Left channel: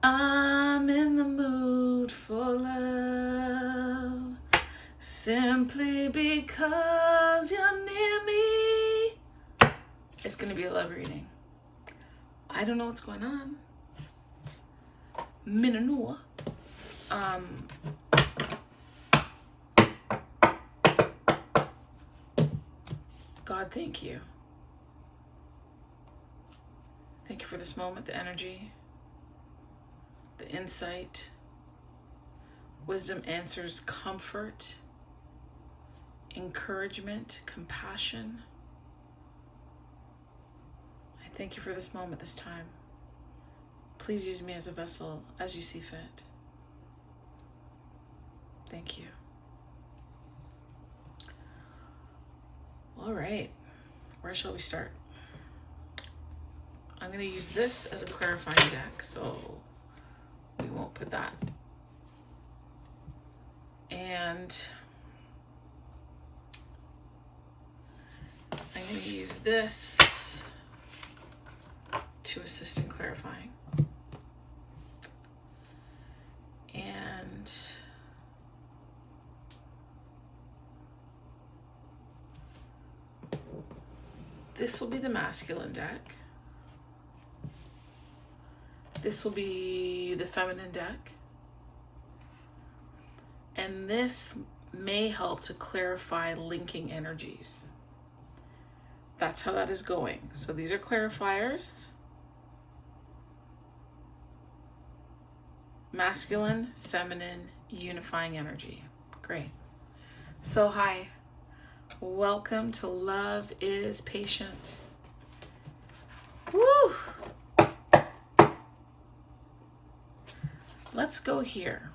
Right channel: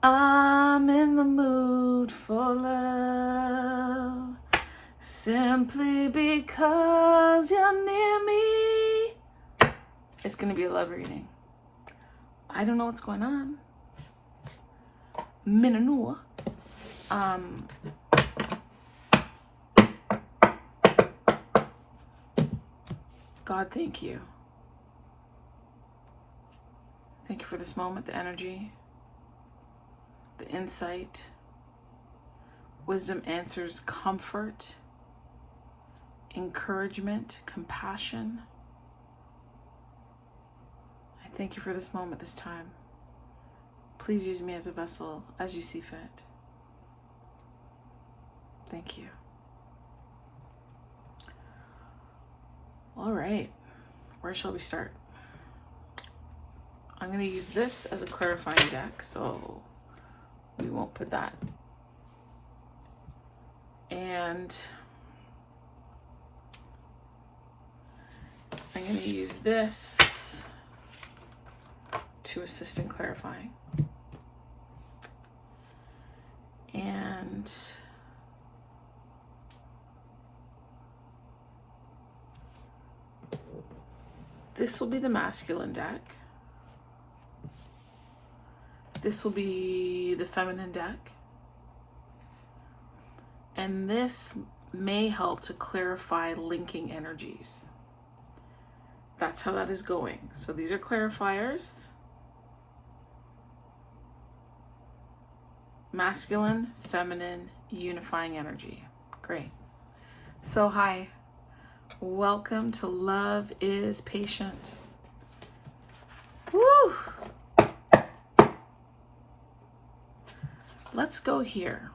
I'm in the mood for love, simply because you're near me. It's going to be a love reading. I don't know what's going on. Minanua. God, thank you. Thank you for this moment, the energy, the insight. Wisdom answers comfort, encouragement, compassion. I thank you for this moment, this time. Please use me as a vessel as you see fit. Thank you. All right, where shall we start? I'm going to use this as a clarifying deck, so we won't put that. And I'm going to use this to assist in clarifying. And this will be the masculine deck. This will be the feminine deck. And this may help to clarify linking energies. That's how that is going. So these are clarifiers. Masculine, feminine, unifying energy. Great. So hi. Welcome to Love is Patient. Woo! Let's go here.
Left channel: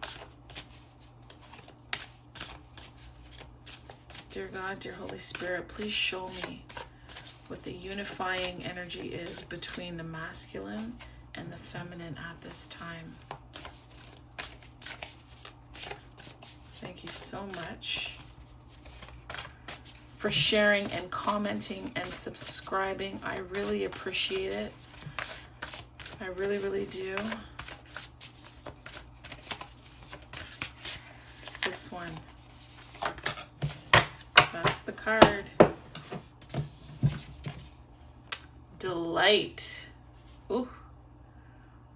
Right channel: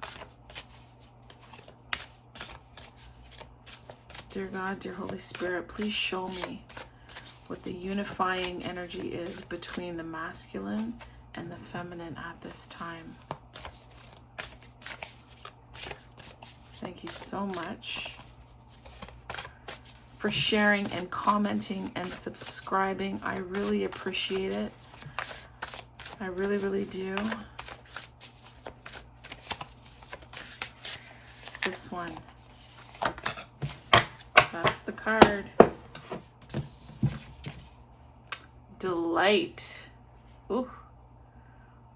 Dear God, dear Holy Spirit, please show me what the unifying energy is between the masculine and the feminine at this time. Thank you so much for sharing and commenting and subscribing. I really appreciate it. I really, really do. This one. That's the card. Delight. Ooh.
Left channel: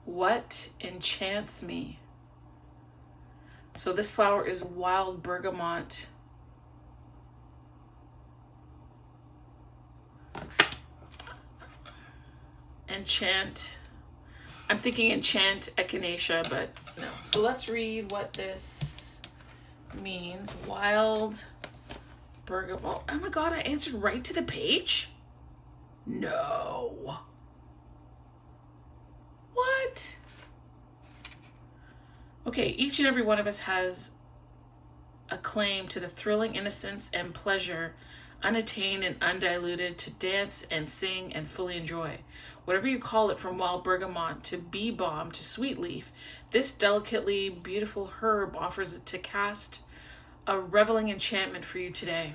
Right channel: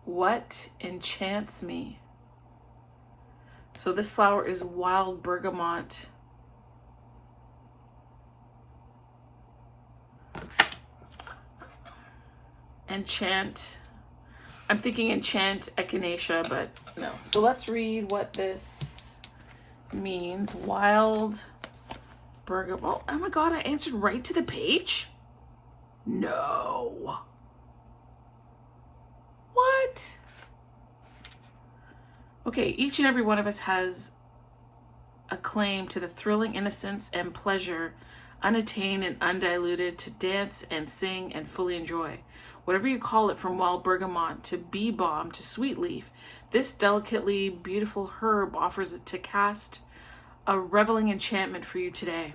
What enchants me? So this flower is wild bergamot. Enchant. I'm thinking enchant echinacea, but no. So let's read what this means. Wild bergamot. Oh my God, I answered right to the page? No. What? Okay, each and every one of us has a claim to the thrilling innocence and pleasure, unattained and undiluted, to dance and sing and fully enjoy. Whatever you call it, from wild bergamot to bee balm to sweet leaf, this delicately beautiful herb offers it to cast a reveling enchantment for you today.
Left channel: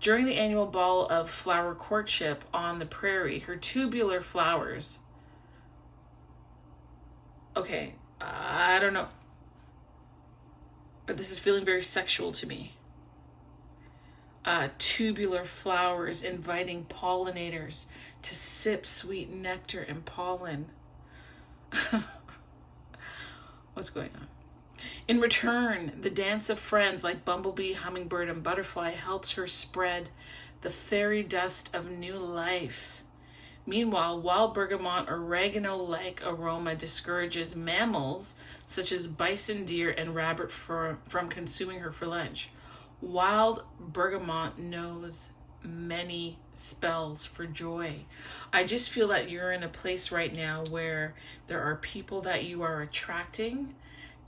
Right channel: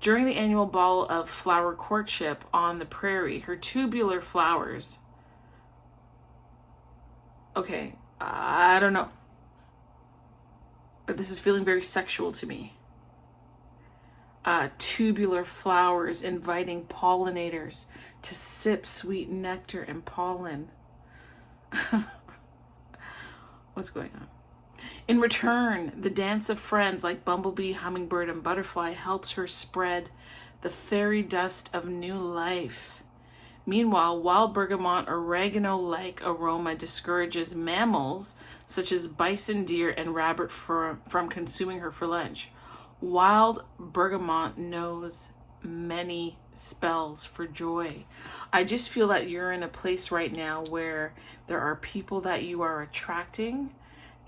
During the annual ball of flower courtship on the prairie, her tubular flowers... Okay, I don't know. But this is feeling very sexual to me. Tubular flowers inviting pollinators to sip sweet nectar and pollen. What's going on? In return, the dance of friends like bumblebee, hummingbird, and butterfly helps her spread the fairy dust of new life. Meanwhile, wild bergamot oregano-like aroma discourages mammals such as bison, deer, and rabbit from consuming her for lunch. Wild bergamot knows many spells for joy. I just feel that you're in a place right now where there are people that you are attracting,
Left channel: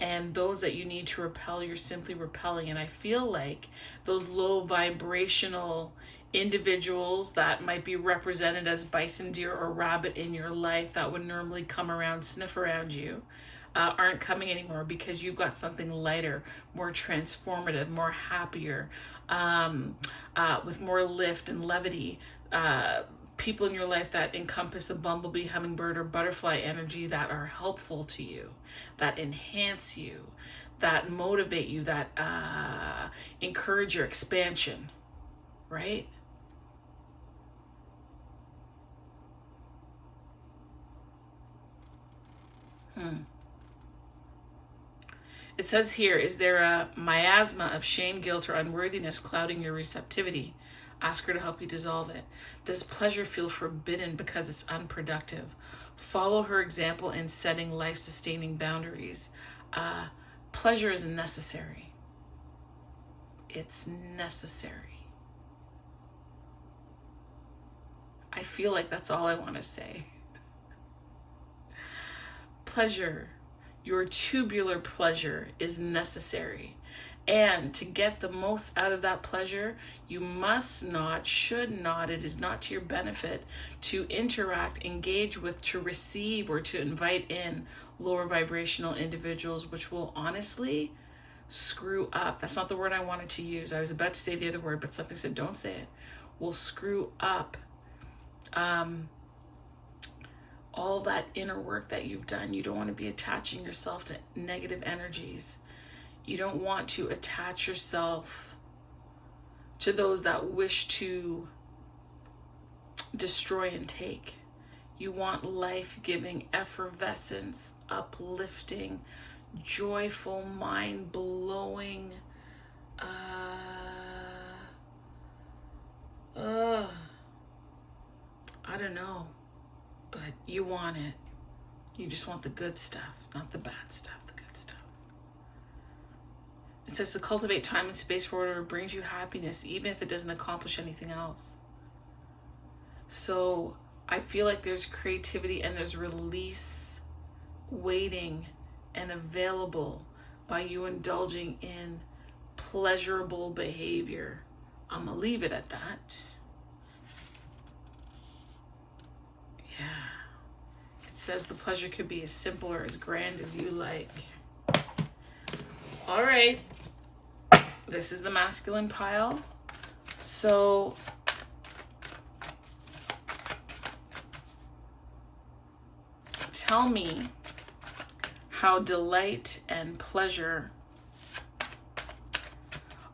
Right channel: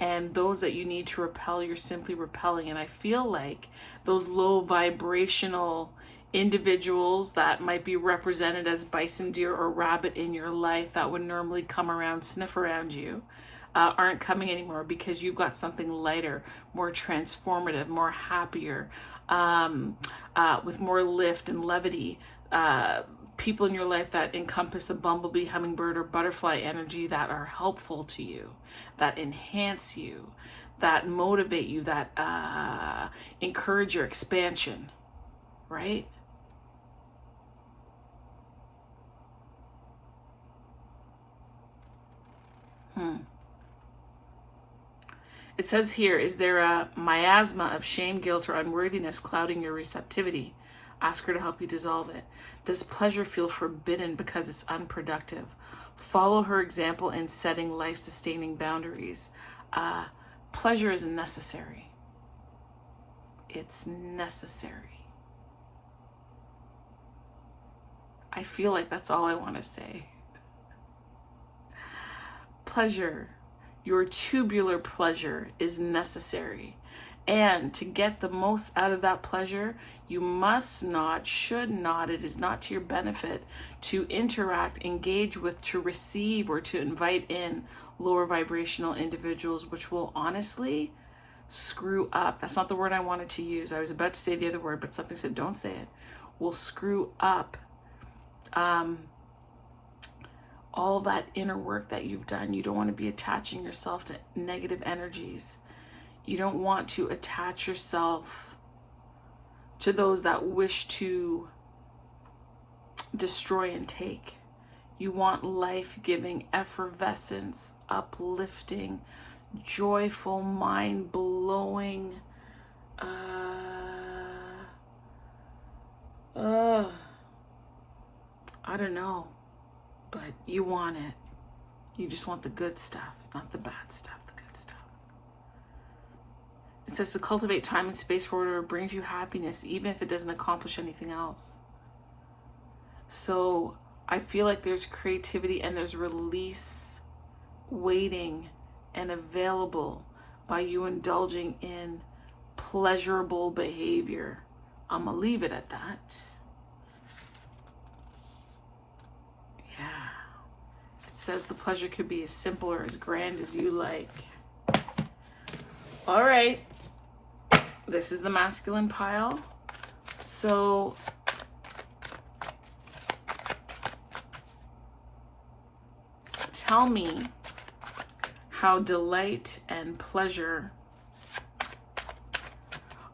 and those that you need to repel, you're simply repelling. And I feel like those low vibrational individuals that might be represented as bison, deer, or rabbit in your life that would normally come around, sniff around you, aren't coming anymore, because you've got something lighter, more transformative, more happier, with more lift and levity, people in your life that encompass a bumblebee, hummingbird, or butterfly energy that are helpful to you, that enhance you, that motivate you, that encourage your expansion, right? It says here, is there a miasma of shame, guilt, or unworthiness clouding your receptivity? Ask her to help you dissolve it. Does pleasure feel forbidden because it's unproductive? Follow her example in setting life-sustaining boundaries. Pleasure is necessary. It's necessary. I feel like that's all I want to say. Pleasure, your tubular pleasure, is necessary. And to get the most out of that pleasure, you must not, should not, it is not to your benefit to interact, engage with, to receive, or to invite in lower vibrational individuals, which will honestly screw up. That's not the word I wanted to use. I was about to say the other word, but something said don't say it. Will screw up all that inner work that you've done. You don't want to be attaching yourself to negative energies. You don't want to attach yourself to those that wish to destroy and take. You want life-giving, effervescence, uplifting, joyful, mind-blowing, I don't know, but you want it. You just want the good stuff, not the bad stuff, the good stuff. It says to cultivate time and space for whatever brings you happiness, even if it doesn't accomplish anything else. So I feel like there's creativity and there's release waiting and available by you indulging in pleasurable behavior. I'm gonna leave it at that. Yeah. It says the pleasure could be as simple or as grand as you like. All right. This is the masculine pile. So tell me how delight and pleasure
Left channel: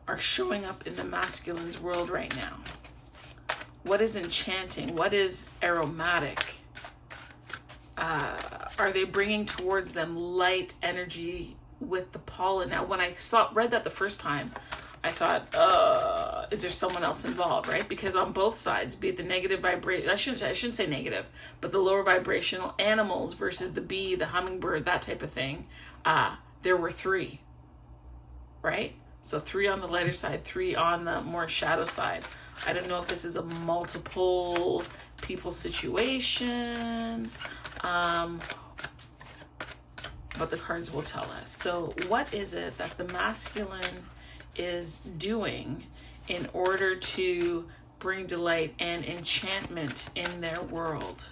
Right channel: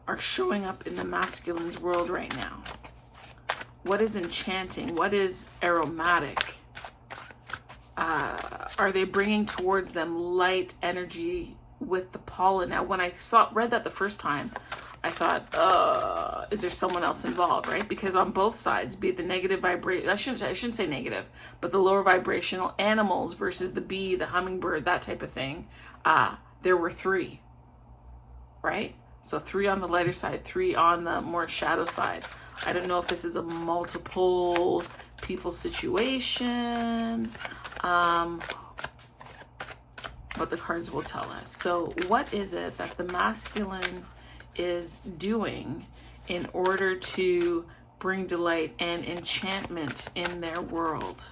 are showing up in the masculine's world right now. What is enchanting? What is aromatic? Are they bringing towards them light energy with the pollen? Now, when I read that the first time, I thought, is there someone else involved, right? Because on both sides, be it the negative vibration, I shouldn't say negative, but the lower vibrational animals versus the bee, the hummingbird, that type of thing, there were 3, right? So 3 on the lighter side, 3 on the more shadow side. I don't know if this is a multiple people situation, but the cards will tell us. So what is it that the masculine is doing in order to bring delight and enchantment in their world?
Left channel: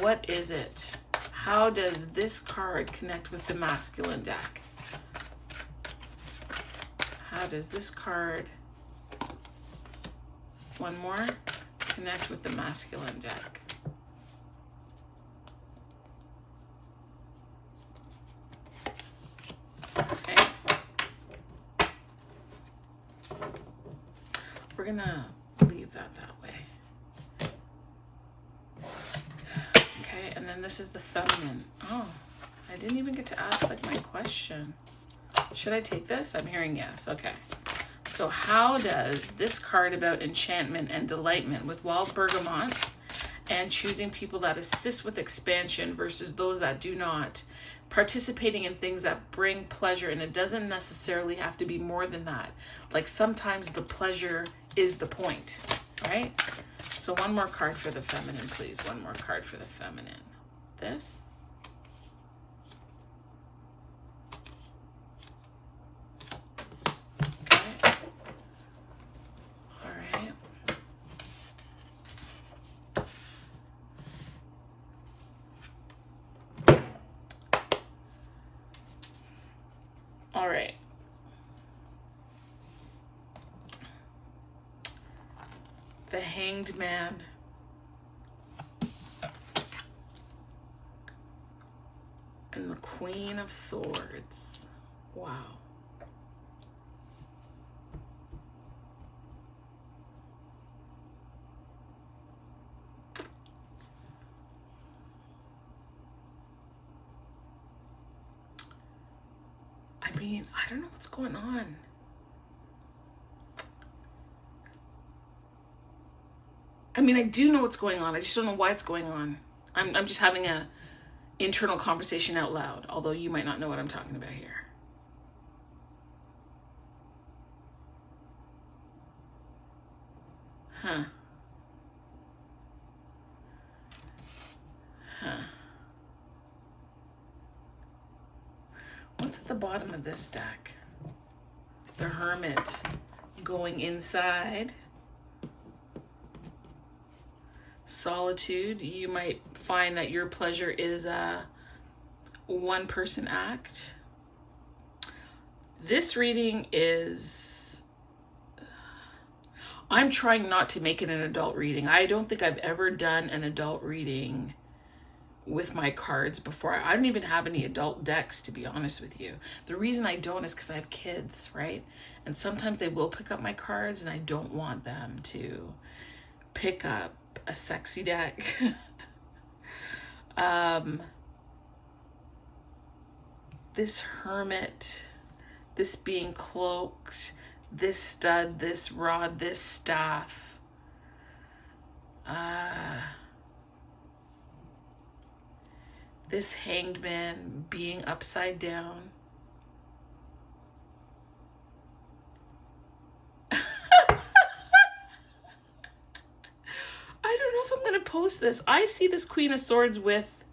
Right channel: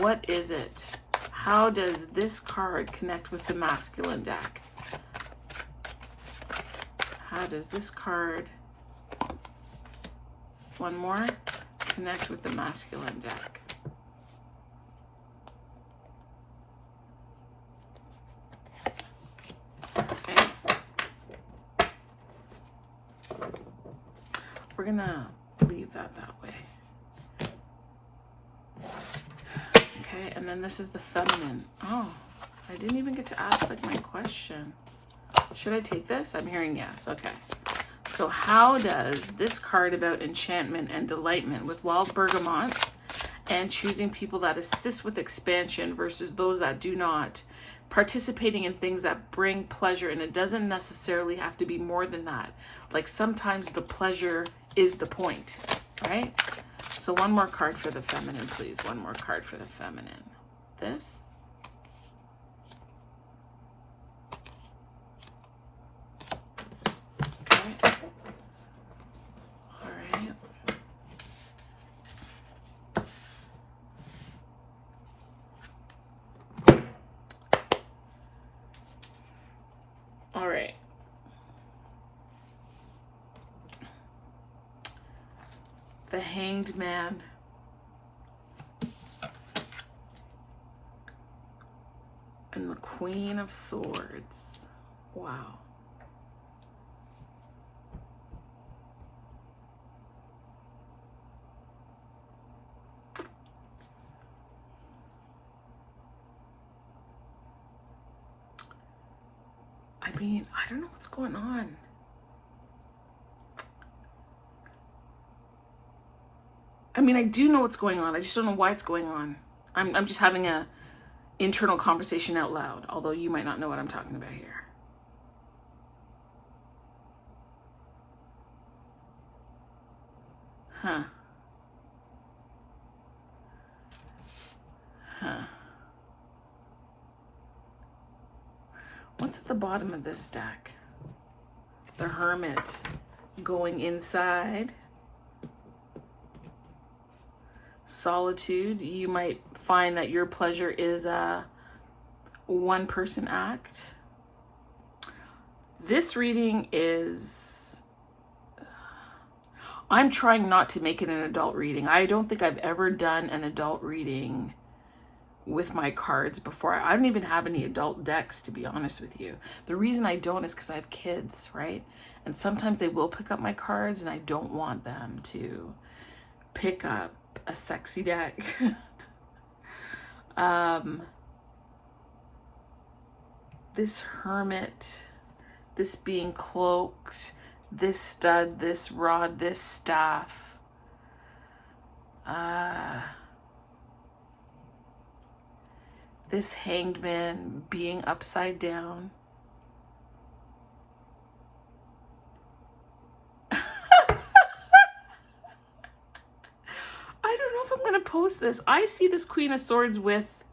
What is it? How does this card connect with the masculine deck? How does this card, one more, connect with the masculine deck? Okay. We're gonna leave that way. Okay, and then this is the feminine. Oh, I didn't even get to ask like my question. Should I take this? I'm hearing yes. Okay. So how does this card about enchantment and delightment with wild bergamot and choosing people that assist with expansion versus those that do not, participating in things that bring pleasure, and it doesn't necessarily have to be more than that. Like sometimes the pleasure is the point, right? So one more card for the feminine, please. One more card for the feminine. This. Okay. All right. All right. The Hanged Man And the Queen of Swords. Wow. I mean, I don't know what's going on. I mean, I do know what's going on. I just don't know why it's going on. I'm just having a internal conversation out loud, although you might not know what I'm talking about here. Huh. What's at the bottom of this deck? The Hermit going inside. Solitude. You might find that your pleasure is a one-person act. This reading is... I'm trying not to make it an adult reading. I don't think I've ever done an adult reading with my cards before. I don't even have any adult decks, to be honest with you. The reason I don't is because I have kids, right? And sometimes they will pick up my cards and I don't want them to pick up a sexy deck. This Hermit, this being cloaked, this stud, this rod, this staff. This Hanged Man being upside down. I don't know if I'm going to post this. I see this Queen of Swords with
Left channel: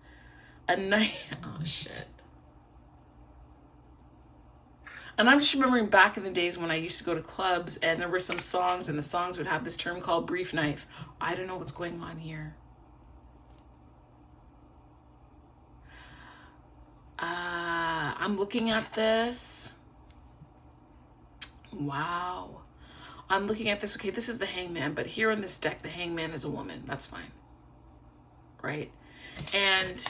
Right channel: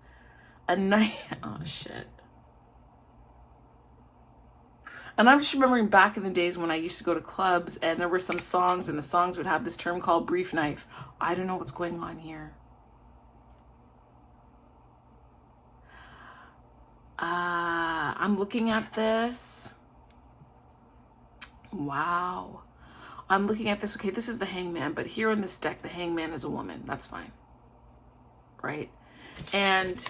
a knife. Oh, shit. And I'm just remembering back in the days when I used to go to clubs and there were some songs and the songs would have this term called brief knife. I don't know what's going on here. I'm looking at this. Wow. I'm looking at this. Okay, this is the Hangman, but here in this deck, the Hangman is a woman. That's fine. Right? And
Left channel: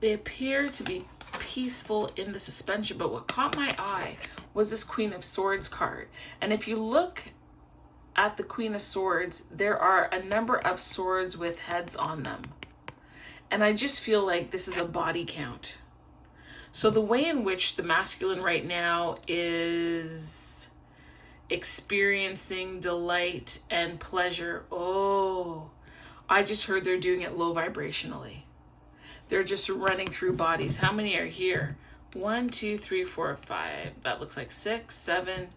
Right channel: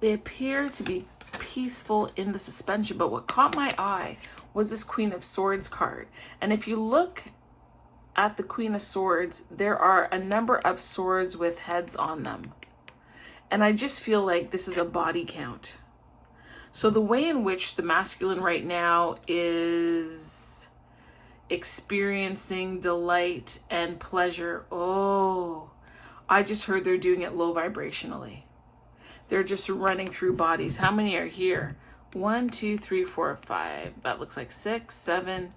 they appear to be peaceful in the suspension, but what caught my eye was this Queen of Swords card. And if you look at the Queen of Swords, there are a number of swords with heads on them. And I just feel like this is a body count. So the way in which the masculine right now is experiencing delight and pleasure, oh, I just heard they're doing it low vibrationally. They're just running through bodies. How many are here? 1, 2, 3, 4, 5. That looks like 6, 7,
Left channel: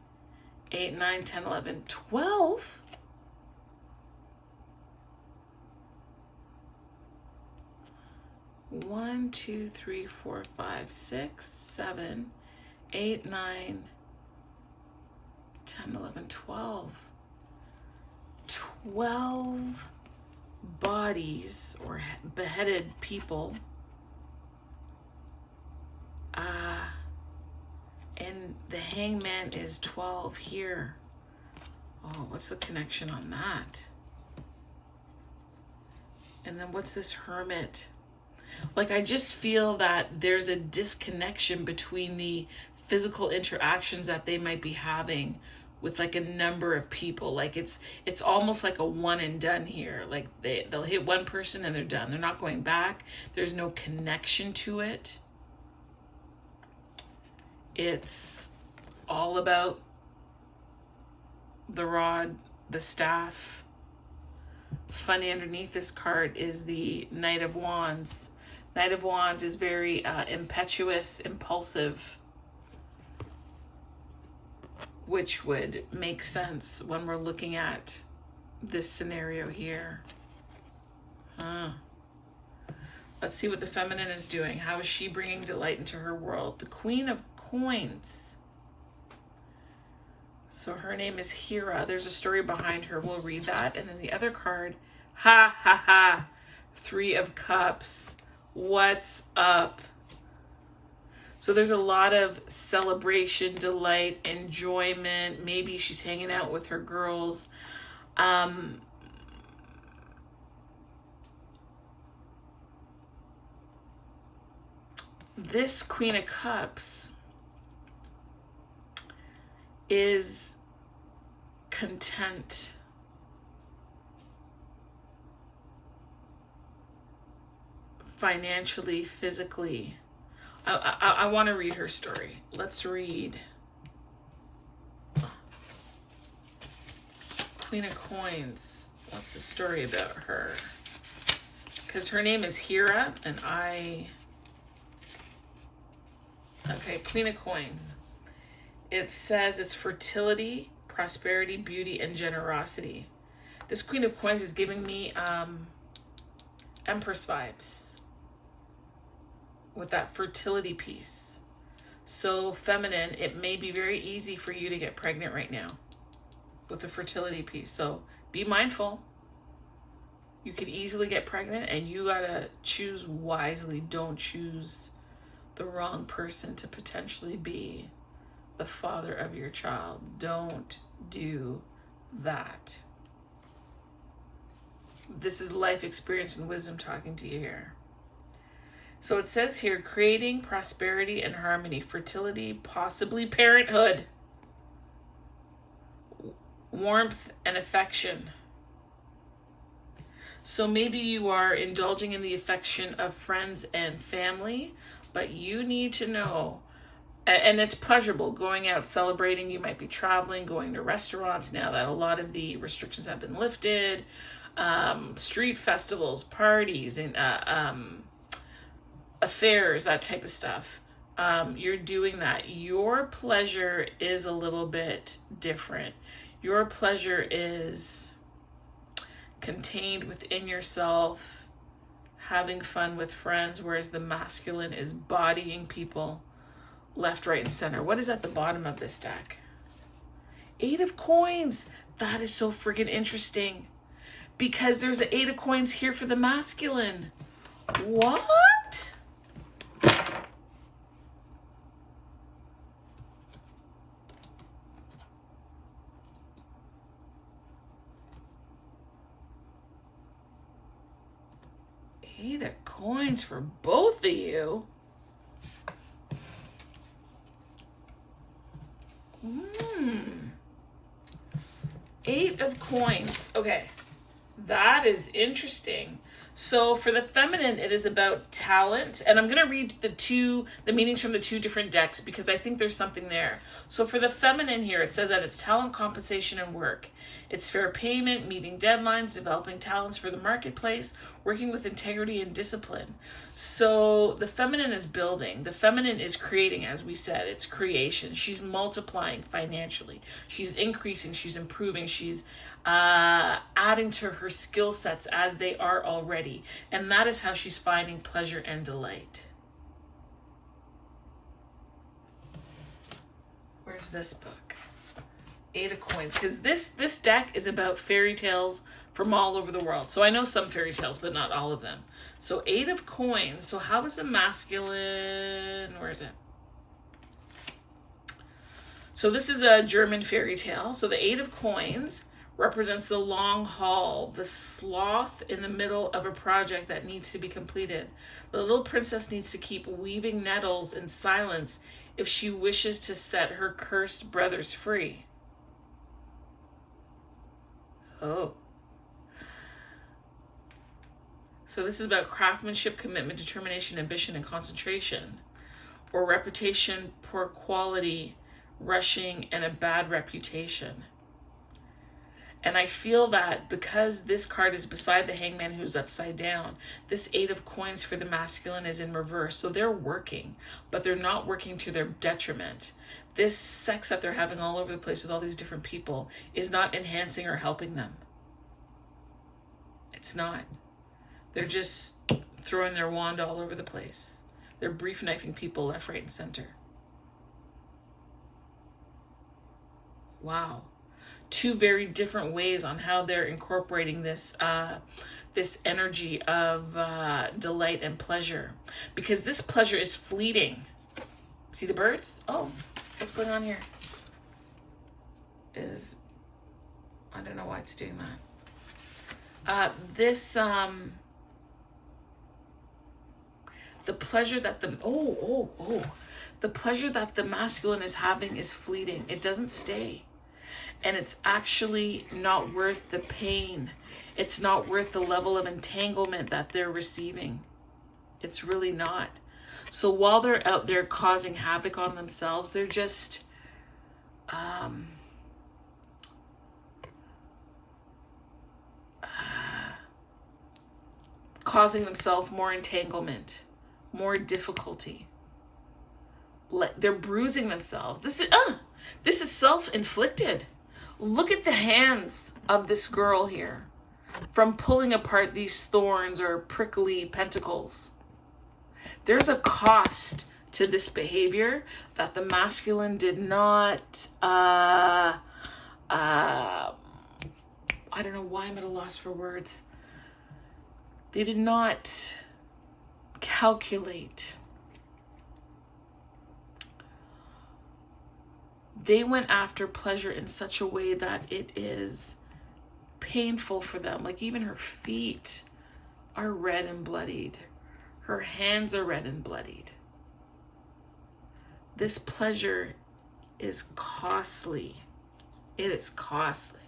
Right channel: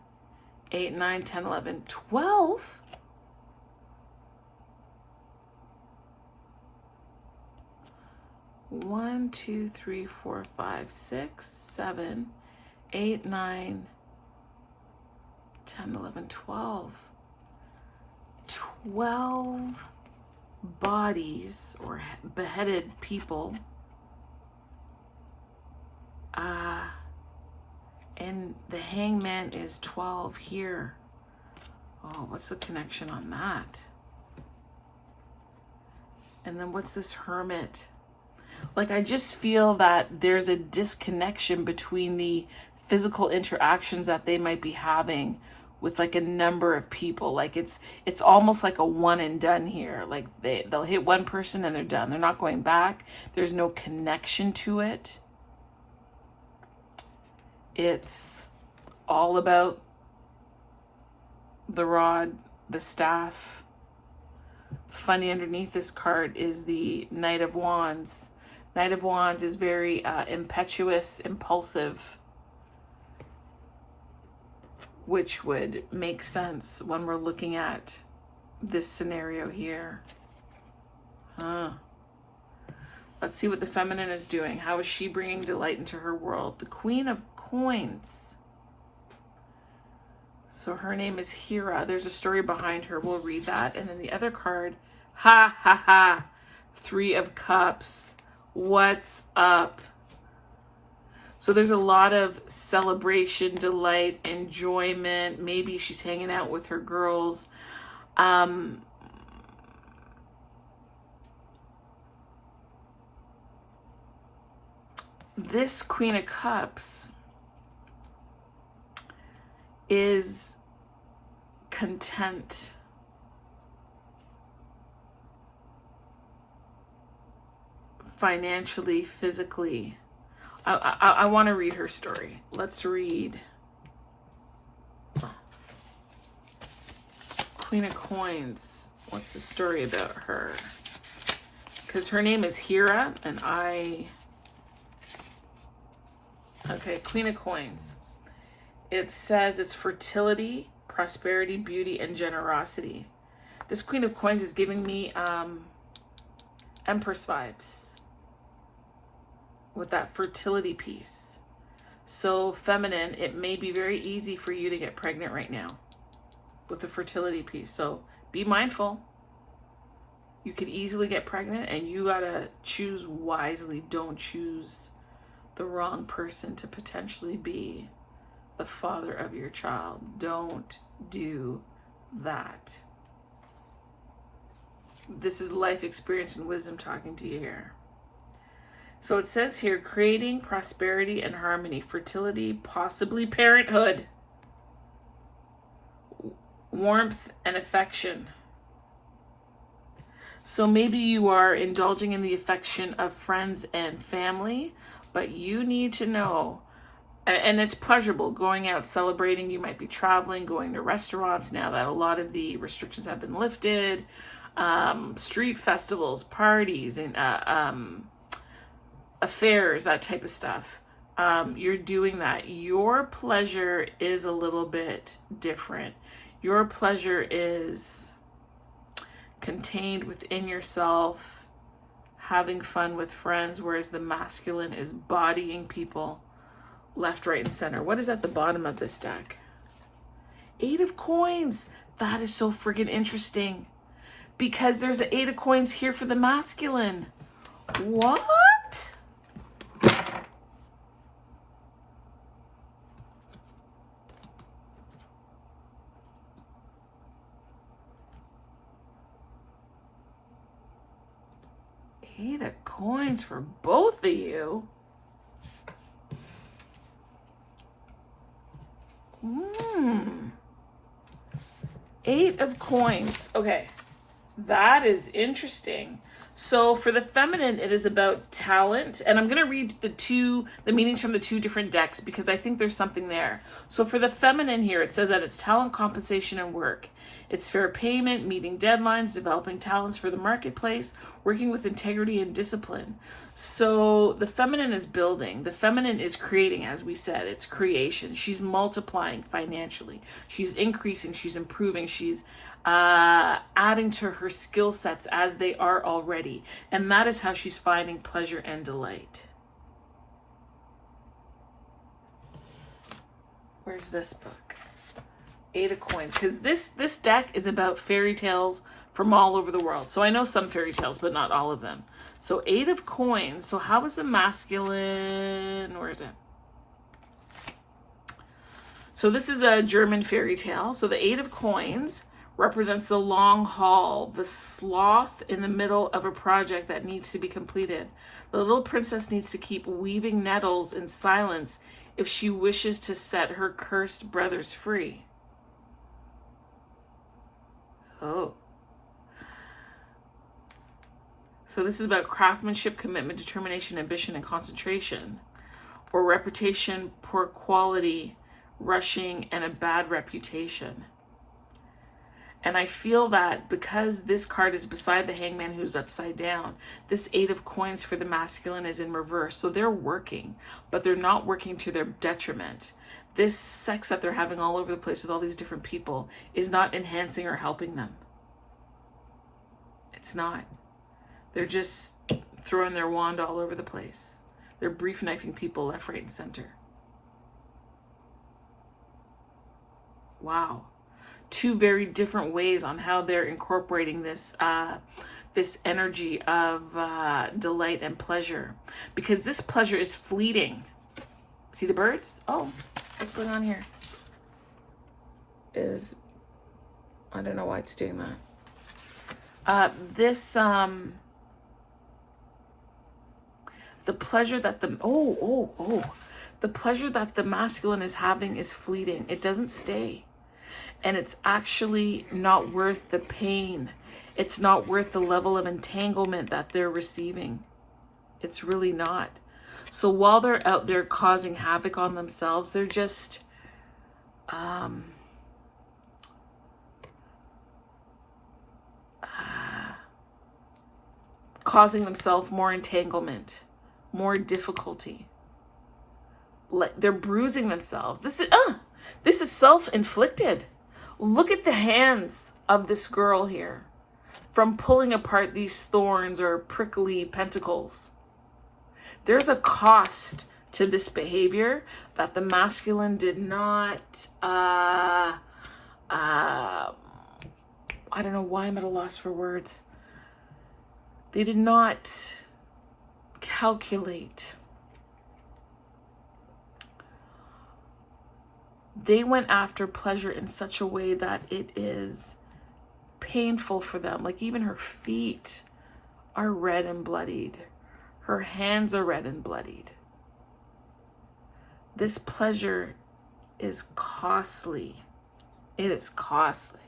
8, 9, 10, 11, 12. One, 2, 3, 4, 5, 6, 7, 8, 9, 10, 11, 12. 12 bodies or beheaded people. And the Hangman is 12 here. Oh, what's the connection on that? And then what's this Hermit? Like, I just feel that there's a disconnection between the physical interactions that they might be having with like a number of people. Like it's almost like a one and done here. Like they'll hit one person and they're done. They're not going back. There's no connection to it. It's all about the rod, the staff. Funny, underneath this card is the Knight of Wands. Knight of Wands is very impetuous, impulsive, which would make sense when we're looking at this scenario here. Let's see what the feminine is doing. How is she bringing delight into her world? The Queen of Coins. So her name is Hera. There's a story behind her. We'll read that. And then the other card, ha ha ha, 3 of Cups. What's up? So there's a lot of celebration, delight, enjoyment. Maybe she's hanging out with her girls. this Queen of Cups is content. Financially, physically. I want to read her story. Let's read Queen of Coins. What's the story about her? Because her name is Hera, and okay, Queen of Coins. It says it's fertility, prosperity, beauty, and generosity. This Queen of Coins is giving me Empress vibes with that fertility piece. So feminine, it may be very easy for you to get pregnant right now with the fertility piece. So be mindful. You could easily get pregnant, and you gotta choose wisely. Don't choose the wrong person to potentially be the father of your child. Don't do that. This is life experience and wisdom talking to you here. So it says here, creating prosperity and harmony, fertility, possibly parenthood, warmth and affection. So maybe you are indulging in the affection of friends and family, but you need to know, and it's pleasurable, going out, celebrating. You might be traveling, going to restaurants now that a lot of the restrictions have been lifted, street festivals, parties, and affairs, that type of stuff. You're doing that. Your pleasure is a little bit different. Your pleasure is contained within yourself, having fun with friends, whereas the masculine is bodying people left, right, and center. What is at the bottom of this deck? 8 of Coins. That is so friggin' interesting, because there's an 8 of Coins here for the masculine. What? Eight of Coins for both of you. 8 of Coins. Okay, that is interesting. So for the feminine, it is about talent. And I'm going to read the meanings from the 2 different decks, because I think there's something there. So for the feminine here, it says that it's talent, compensation, and work. It's fair payment, meeting deadlines, developing talents for the marketplace, working with integrity and discipline. So the feminine is building. The feminine is creating, as we said. It's creation. She's multiplying financially. She's increasing. She's improving. She's adding to her skill sets as they are already. And that is how she's finding pleasure and delight. Where's this book? 8 of Coins, because this deck is about fairy tales from all over the world. So I know some fairy tales, but not all of them. So 8 of Coins. So how is a masculine? Where is it? So this is a German fairy tale. So the 8 of Coins represents the long haul, the sloth in the middle of a project that needs to be completed. The little princess needs to keep weaving nettles in silence if she wishes to set her cursed brothers free. Oh. So this is about craftsmanship, commitment, determination, ambition, and concentration. Or reputation, poor quality, rushing, and a bad reputation. And I feel that because this card is beside the Hangman, who's upside down, this 8 of Coins for the masculine is in reverse. So they're working, but they're not working to their detriment. This sex that they're having all over the place with all these different people is not enhancing or helping them. It's not. They're just throwing their wand all over the place. They're brief knifing people left, right, and center. Wow. 2 very different ways on how they're incorporating this this energy of delight and pleasure, because this pleasure is fleeting. See the birds? Oh, what's going on here? I don't know why it's doing that. The pleasure that the pleasure that the masculine is having is fleeting. It doesn't stay. And it's actually not worth the pain. It's not worth the level of entanglement that they're receiving. It's really not. So while they're out there causing havoc on themselves, they're just causing themselves more entanglement, more difficulty. They're bruising themselves. This is self-inflicted. Look at the hands of this girl here from pulling apart these thorns or prickly pentacles. There's a cost to this behavior that the masculine did not, I don't know why I'm at a loss for words. They did not calculate. They went after pleasure in such a way that it is painful for them. Like even her feet are red and bloodied. Her hands are red and bloodied. This pleasure is costly. It is costly.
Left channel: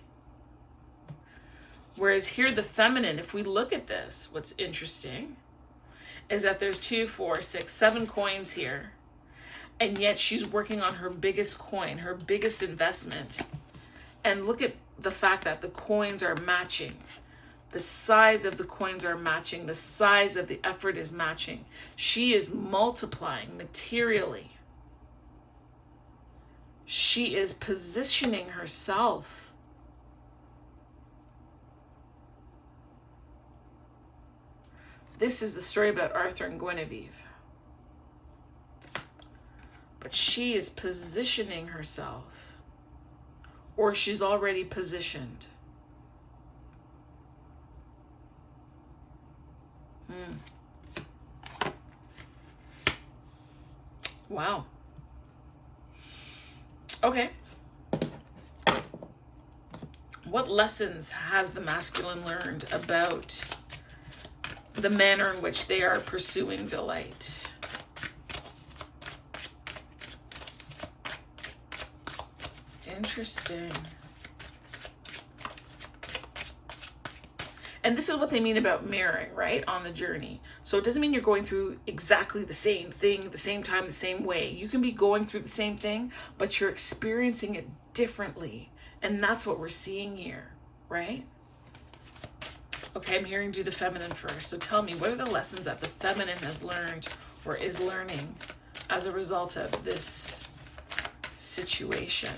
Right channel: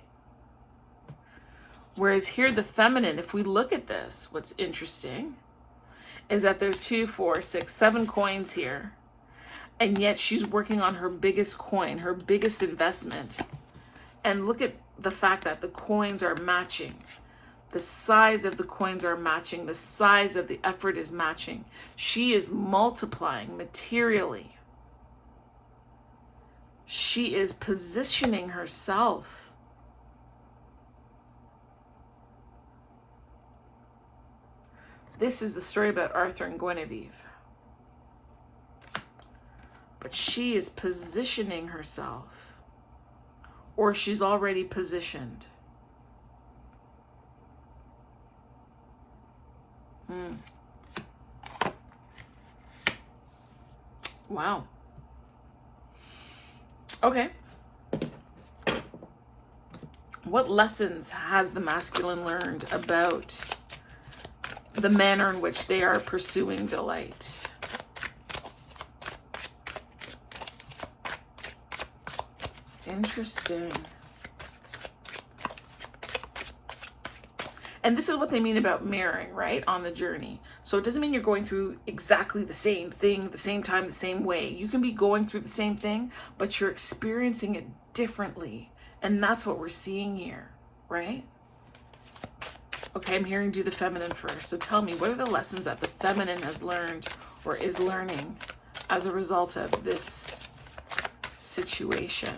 Whereas here, the feminine, if we look at this, what's interesting is that there's 2, 4, 6, 7 coins here. And yet she's working on her biggest coin, her biggest investment. And look at the fact that the coins are matching. The size of the coins are matching. The size of the effort is matching. She is multiplying materially. She is positioning herself. This is the story about Arthur and Guinevere. But she is positioning herself, or she's already positioned. Wow. Okay. What lessons has the masculine learned about the manner in which they are pursuing delight? Interesting. And this is what they mean about mirroring, right? On the journey. So it doesn't mean you're going through exactly the same thing, the same time, the same way. You can be going through the same thing, but you're experiencing it differently. And that's what we're seeing here, right? Okay, I'm hearing do the feminine first. So tell me, what are the lessons that the feminine has learned or is learning as a result of this situation?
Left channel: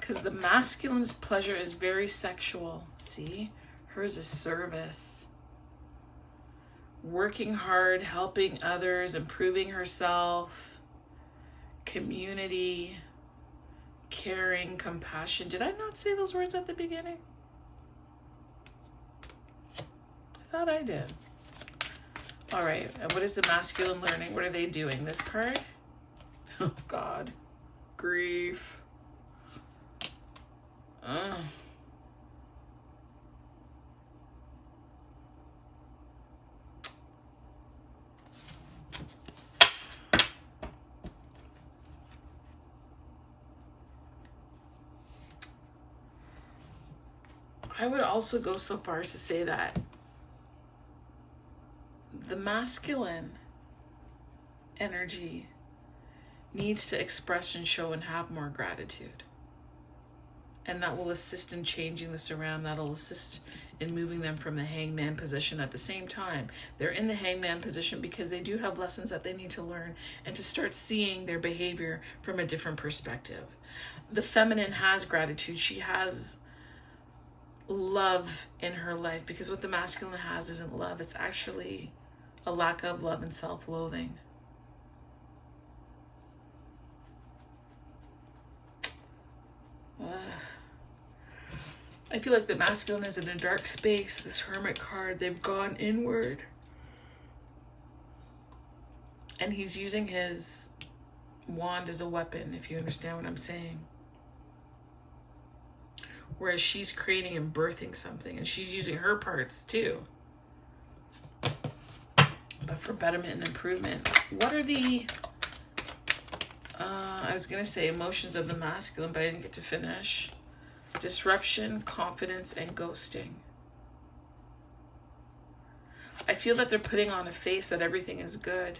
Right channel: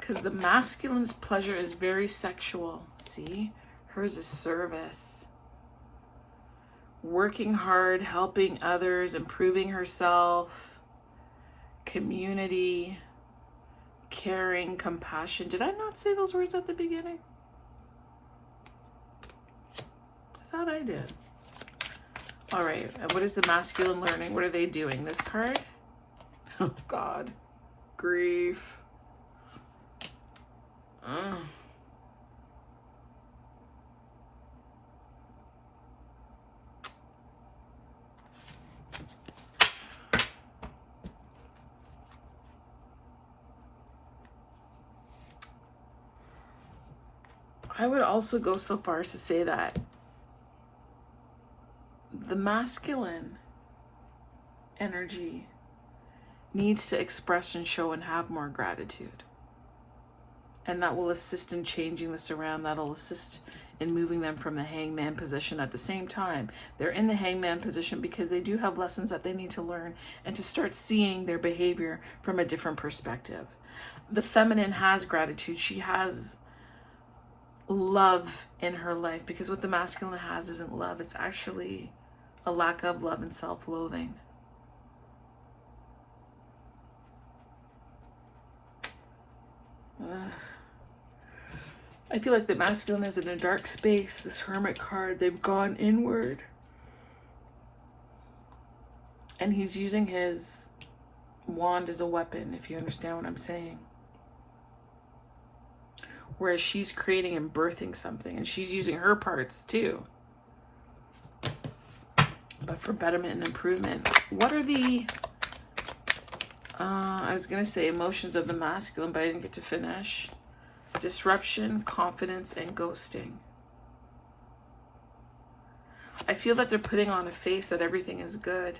Because the masculine's pleasure is very sexual. See? Hers is service. Working hard, helping others, improving herself, community, caring, compassion. Did I not say those words at the beginning? I thought I did. All right, and what is the masculine learning? What are they doing? This card? Oh, God. Grief. I would also go so far as to say that the masculine energy needs to express and show and have more gratitude. And that will assist in changing this around. That'll assist in moving them from the hangman position. At the same time, they're in the hangman position because they do have lessons that they need to learn and to start seeing their behavior from a different perspective. The feminine has gratitude. She has love in her life, because what the masculine has isn't love. It's actually a lack of love and self-loathing. I feel like the masculine is in a dark space. This Hermit card, they've gone inward. And he's using his wand as a weapon, if you understand what I'm saying. Whereas she's creating and birthing something, and she's using her parts too. But for betterment and improvement. What are the, I was going to say emotions of the masculine, but I didn't get to finish. Disruption, confidence, and ghosting. I feel that they're putting on a face that everything is good.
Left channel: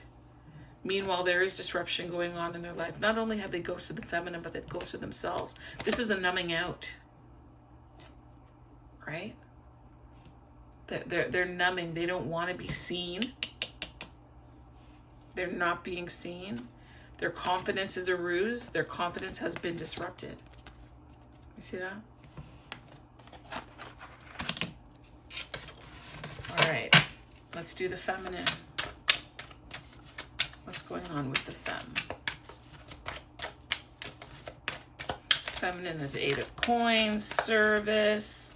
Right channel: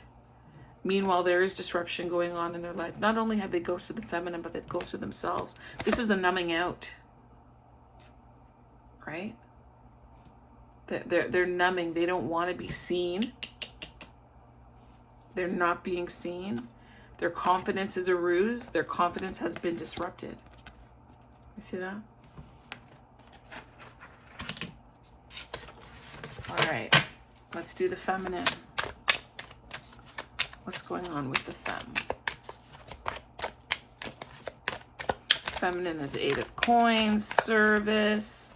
Meanwhile, there is disruption going on in their life. Not only have they ghosted the feminine, but they've ghosted themselves. This is a numbing out. Right? They're numbing. They don't want to be seen. They're not being seen. Their confidence is a ruse. Their confidence has been disrupted. You see that? All right. Let's do the feminine. What's going on with the femme? Feminine is 8 of coins, service,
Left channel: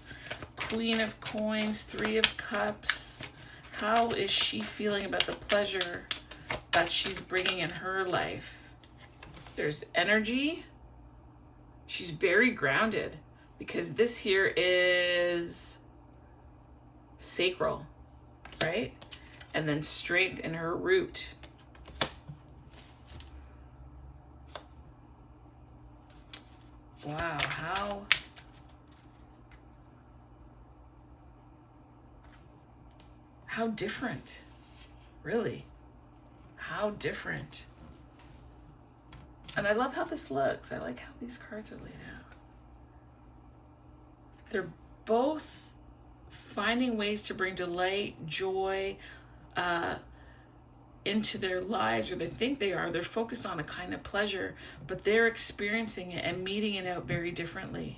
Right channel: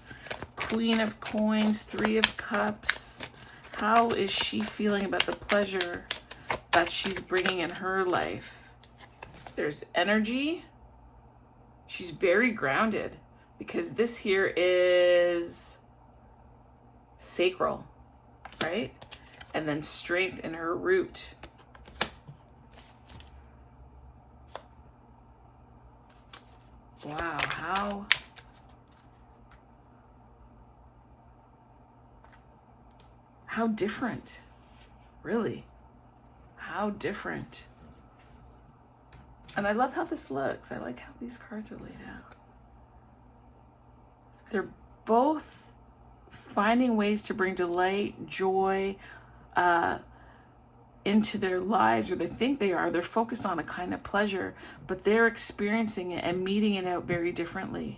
Queen of coins, 3 of cups. How is she feeling about the pleasure that she's bringing in her life? There's energy. She's very grounded because this here is sacral, right? And then strength in her root. Wow, how different, really, how different. And I love how this looks. I like how these cards are laid out. They're both finding ways to bring delight, joy, into their lives, or they think they are. They're focused on a kind of pleasure, but they're experiencing it and meeting it out very differently.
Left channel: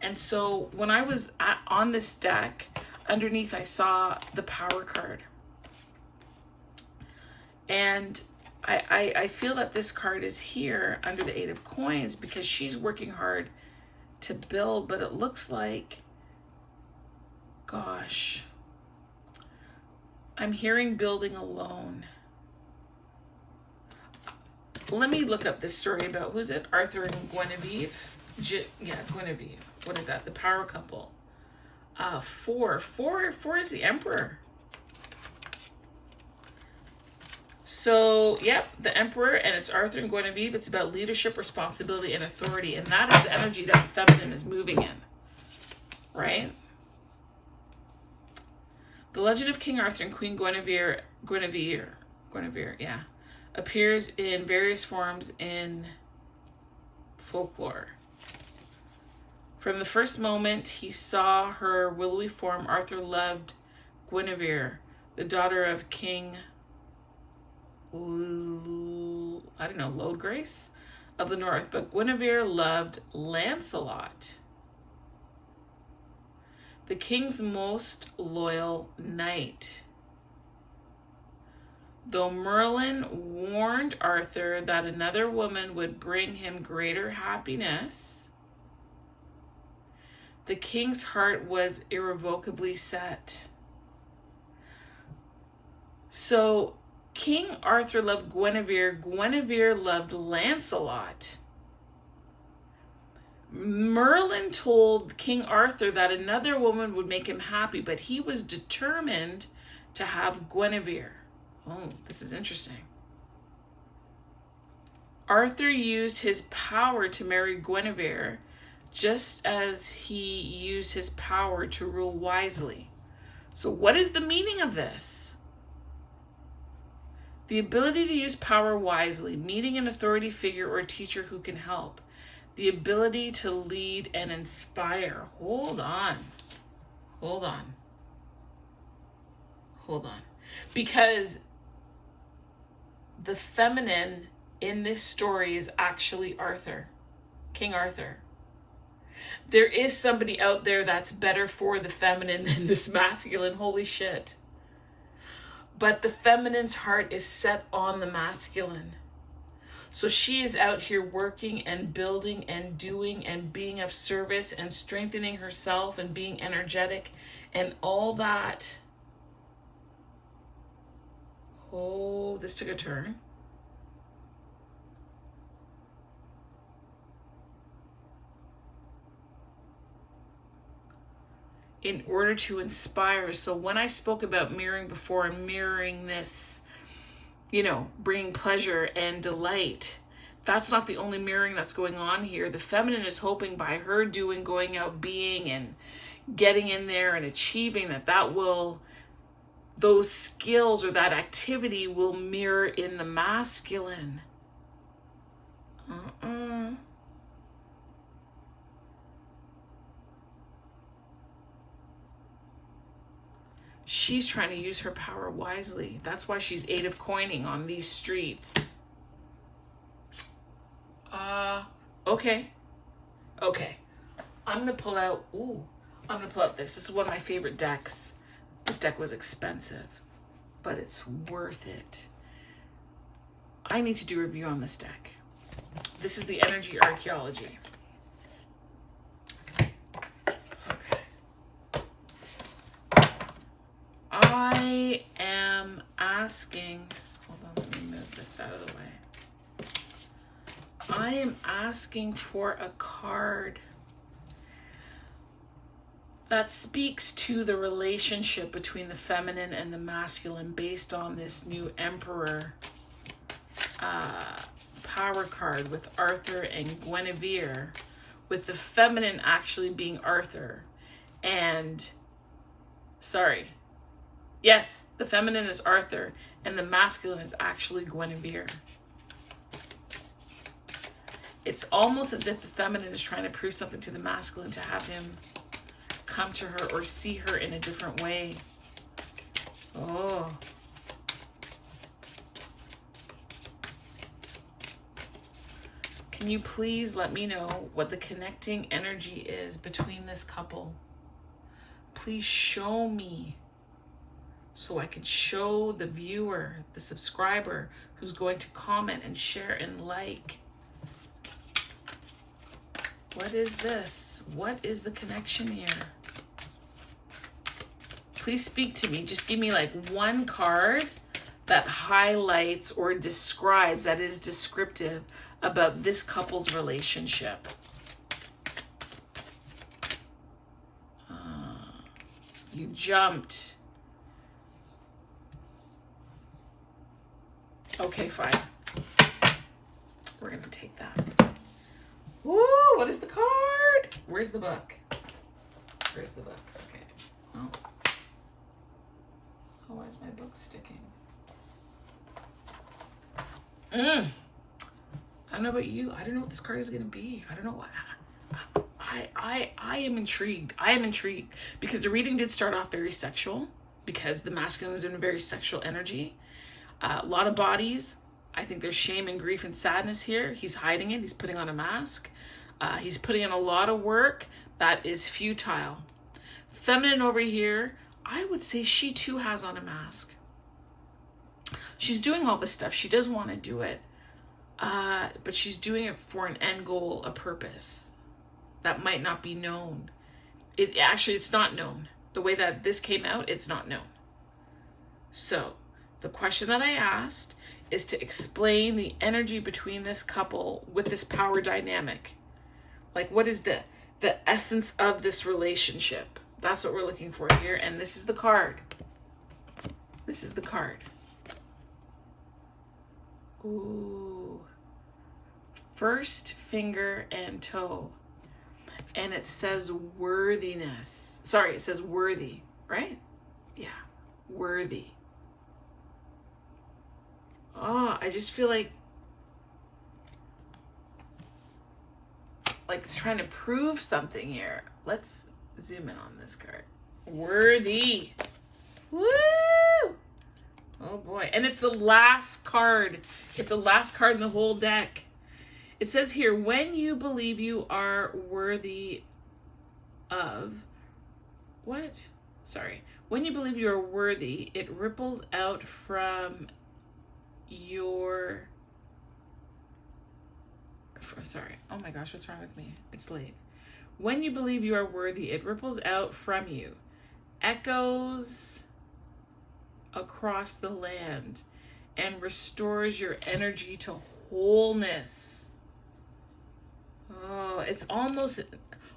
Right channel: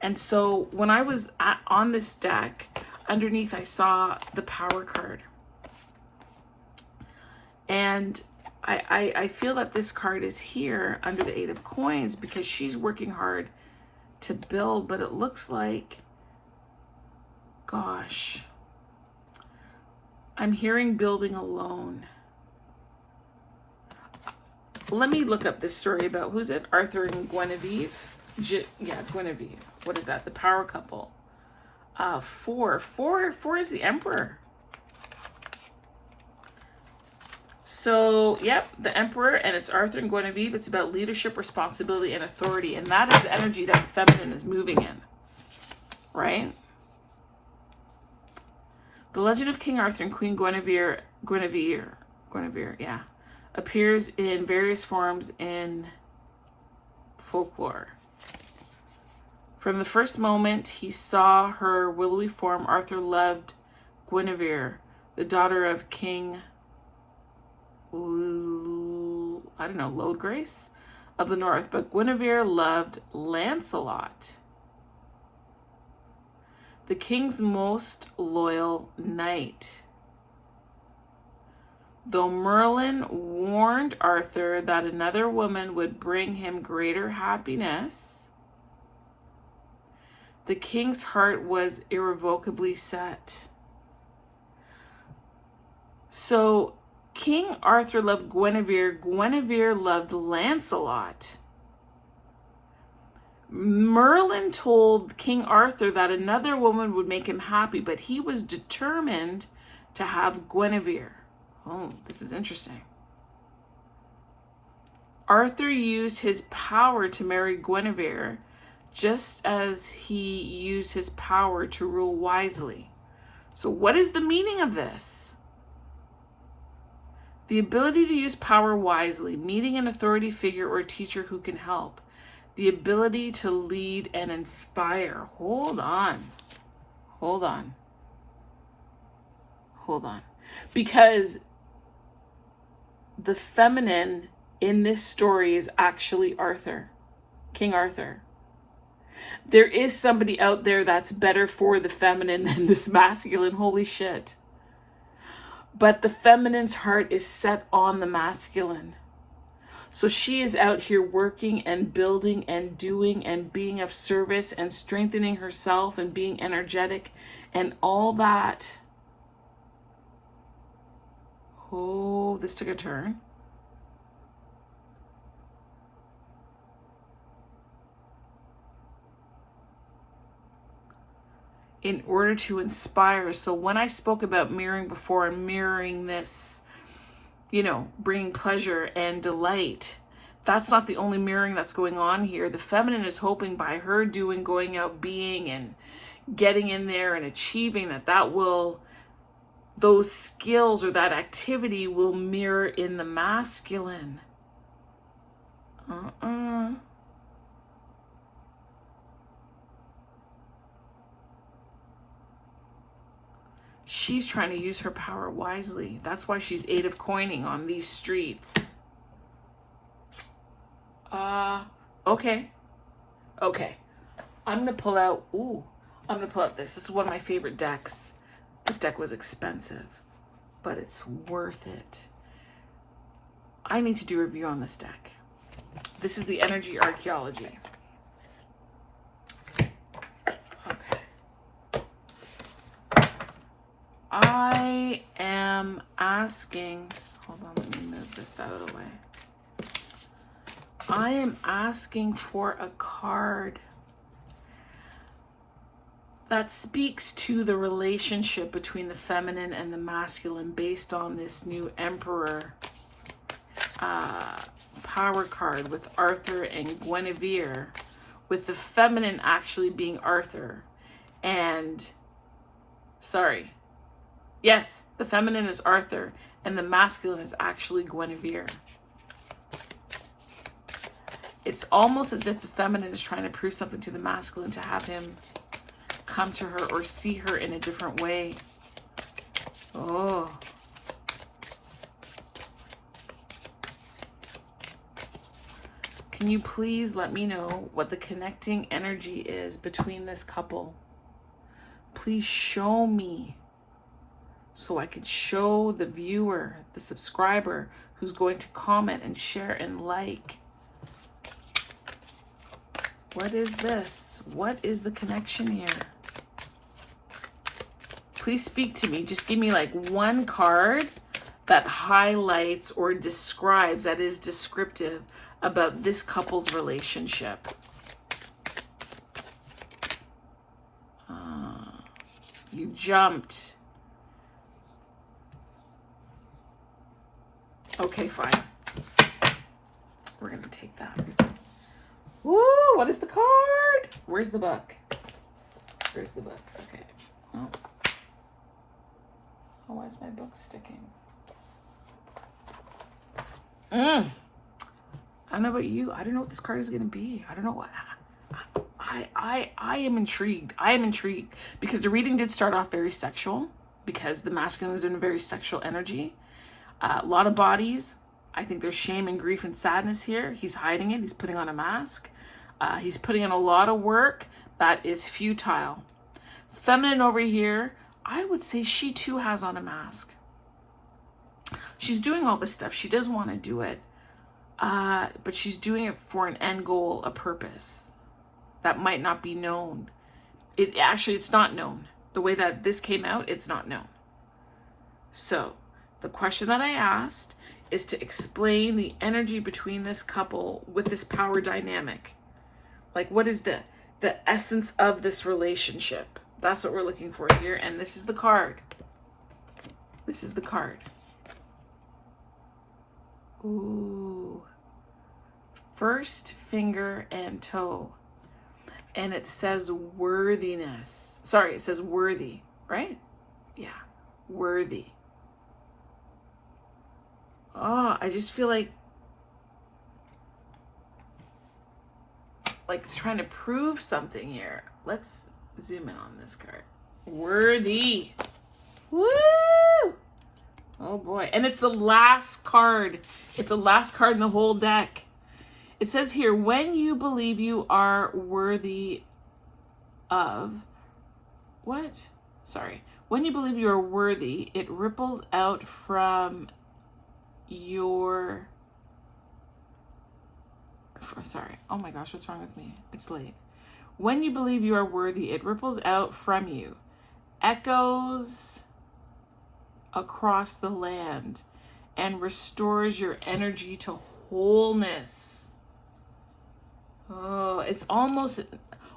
And so when I was on this deck, underneath I saw the Power card. And I feel that this card is here under the 8 of coins because she's working hard to build, but it looks like, gosh, I'm hearing building alone. Let me look up this story about, who's it? Arthur and Guinevere? Guinevere. What is that? The power couple. 4 is the Emperor. So, yep, the Emperor, and it's Arthur and Guinevere. It's about leadership, responsibility, and authority. And that is the energy that the feminine is moving in. Right? The legend of King Arthur and Queen Guinevere, yeah, appears in various forms in folklore. From the first moment he saw her willowy form, Arthur loved Guinevere, the daughter of King, Lodgrace of the North, but Guinevere loved Lancelot, the king's most loyal knight. Though Merlin warned Arthur that another woman would bring him greater happiness, the king's heart was irrevocably set. So King Arthur loved Guinevere. Guinevere loved Lancelot. Merlin told King Arthur that another woman would make him happy, but he was determined to have Guinevere. Oh, this is interesting. Arthur used his power to marry Guinevere, just as he used his power to rule wisely. So what is the meaning of this? The ability to use power wisely, meeting an authority figure or teacher who can help. The ability to lead and inspire. Hold on. Because the feminine in this story is actually Arthur, King Arthur. There is somebody out there that's better for the feminine than this masculine. Holy shit. But the feminine's heart is set on the masculine. So she is out here working and building and doing and being of service and strengthening herself and being energetic and all that. Oh, this took a turn. In order to inspire. So when I spoke about mirroring before, and mirroring this, you know, bringing pleasure and delight, that's not the only mirroring that's going on here. The feminine is hoping by her doing, going out, being, and getting in there and achieving that will, those skills or that activity will mirror in the masculine. She's trying to use her power wisely. That's why she's 8 of coining on these streets. Okay. I'm going to pull out, this. This is one of my favorite decks. This deck was expensive, but it's worth it. I need to do a review on this deck. This is the Energy Archaeology. I am asking, hold on, let me move this out of the way. I am asking for a card that speaks to the relationship between the feminine and the masculine based on this new Emperor power card with Arthur and Guinevere, with the feminine actually being Arthur and, yes, the feminine is Arthur and the masculine is actually Guinevere. It's almost as if the feminine is trying to prove something to the masculine to have him come to her or see her in a different way. Oh. Can you please let me know what the connecting energy is between this couple? Please show me so I can show the viewer, the subscriber who's going to comment and share and like. What is this? What is the connection here? Please speak to me. Just give me like one card that highlights or describes, that is descriptive about this couple's relationship. You jumped. Okay, fine. We're going to take that. Woo, what is the card? Where's the book? Where's the book? Okay. Oh, why is my book sticking? I don't know about you. I don't know what this card is going to be. I don't know what. I am intrigued. I am intrigued because the reading did start off very sexual because the masculine is in a very sexual energy. A lot of bodies. I think there's shame and grief and sadness here. He's hiding it. He's putting on a mask. He's putting in a lot of work that is futile. Feminine over here, I would say she too has on a mask. She's doing all this stuff. She does want to do it. But she's doing it for an end goal, a purpose that might not be known. It's not known. The way that this came out, it's not known. So the question that I asked is to explain the energy between this couple with this power dynamic. Like, what is the essence of this relationship? That's what we're looking for here. And this is the card. This is the card. Ooh. First finger and toe. And it says worthiness. Sorry, it says worthy, right? Yeah, worthy. Oh, I just feel like it's trying to prove something here. Let's zoom in on this card. Worthy. Woo! Oh boy. And it's the last card. It's the last card in the whole deck. It says here, when you believe you are worthy of, what? Sorry. When you believe you are worthy, it ripples out from your sorry. Oh my gosh, what's wrong with me? It's late. When you believe you are worthy, it ripples out from you, echoes across the land, and restores your energy to wholeness. Oh, it's almost,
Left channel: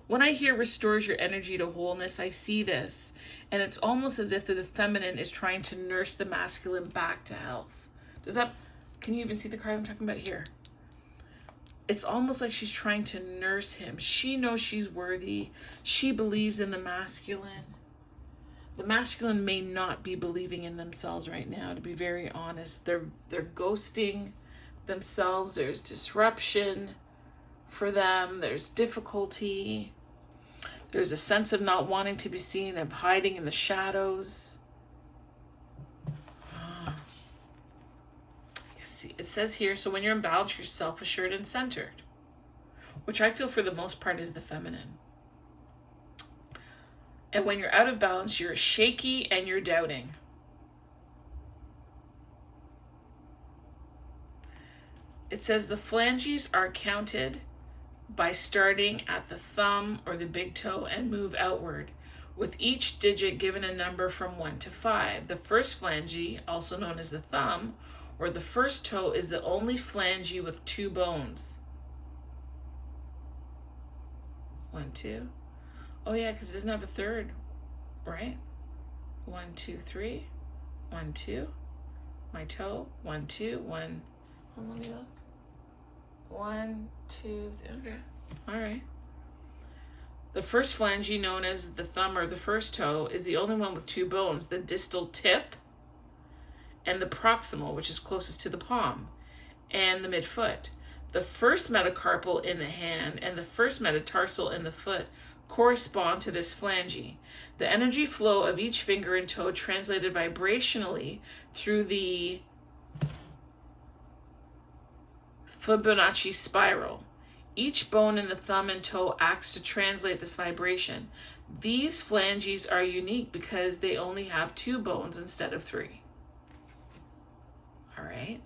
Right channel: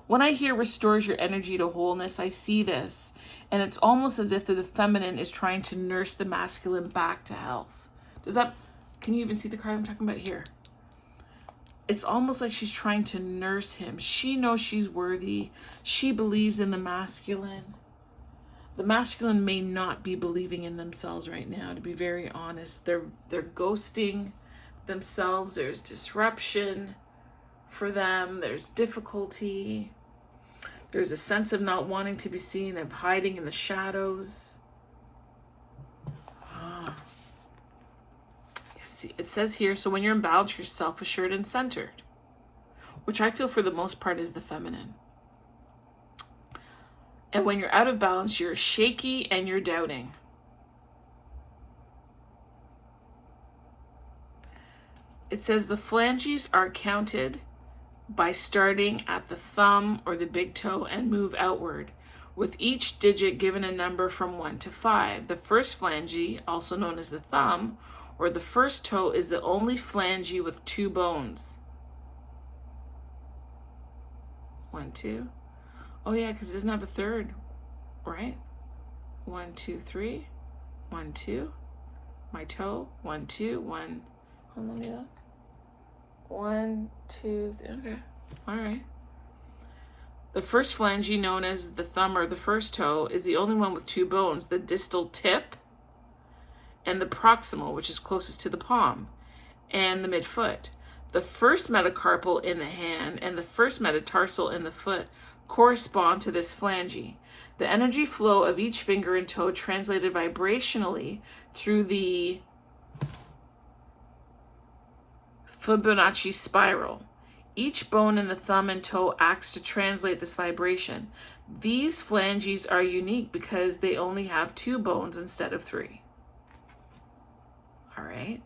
when I hear restores your energy to wholeness, I see this. And it's almost as if the feminine is trying to nurse the masculine back to health. Can you even see the card I'm talking about here? It's almost like she's trying to nurse him. She knows she's worthy. She believes in the masculine. The masculine may not be believing in themselves right now, to be very honest. They're ghosting themselves. There's disruption for them. There's difficulty. There's a sense of not wanting to be seen, of hiding in the shadows. See, it says here, so when you're in balance, you're self-assured and centered, which I feel for the most part is the feminine. And when you're out of balance, you're shaky and you're doubting. It says the phalanges are counted by starting at the thumb or the big toe and move outward, with each digit given a number from 1 to 5. The first phalange, also known as the thumb, or the first toe, is the only phalange with 2 bones. 1, 2. Oh yeah, because it doesn't have a third, right? 1, 2, 3. 1, 2. My toe. 1, 2. 1. Hold on, let me look. 1, 2, 3. Okay. All right. The first phalange, known as the thumb or the first toe, is the only one with 2 bones: the distal tip and the proximal, which is closest to the palm, and the midfoot. The first metacarpal in the hand and the first metatarsal in the foot correspond to this phalange. The energy flow of each finger and toe translated vibrationally through the Fibonacci spiral. Each bone in the thumb and toe acts to translate this vibration. These phalanges are unique because they only have 2 bones instead of 3. All right.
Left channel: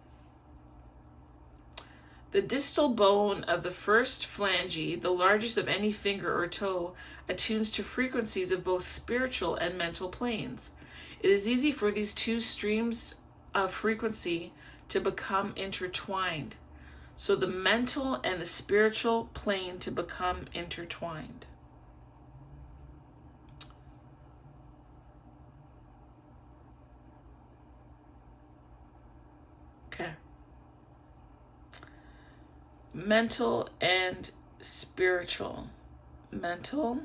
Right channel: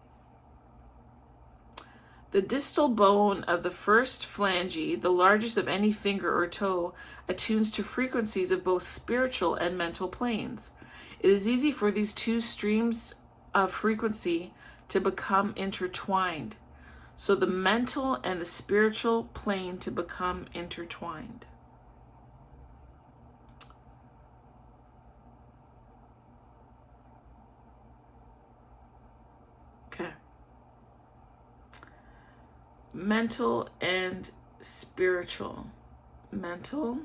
The distal bone of the first phalange, the largest of any finger or toe, attunes to frequencies of both spiritual and mental planes. It is easy for these 2 streams of frequency to become intertwined. So the mental and the spiritual plane to become intertwined. Okay. Mental and spiritual. Mental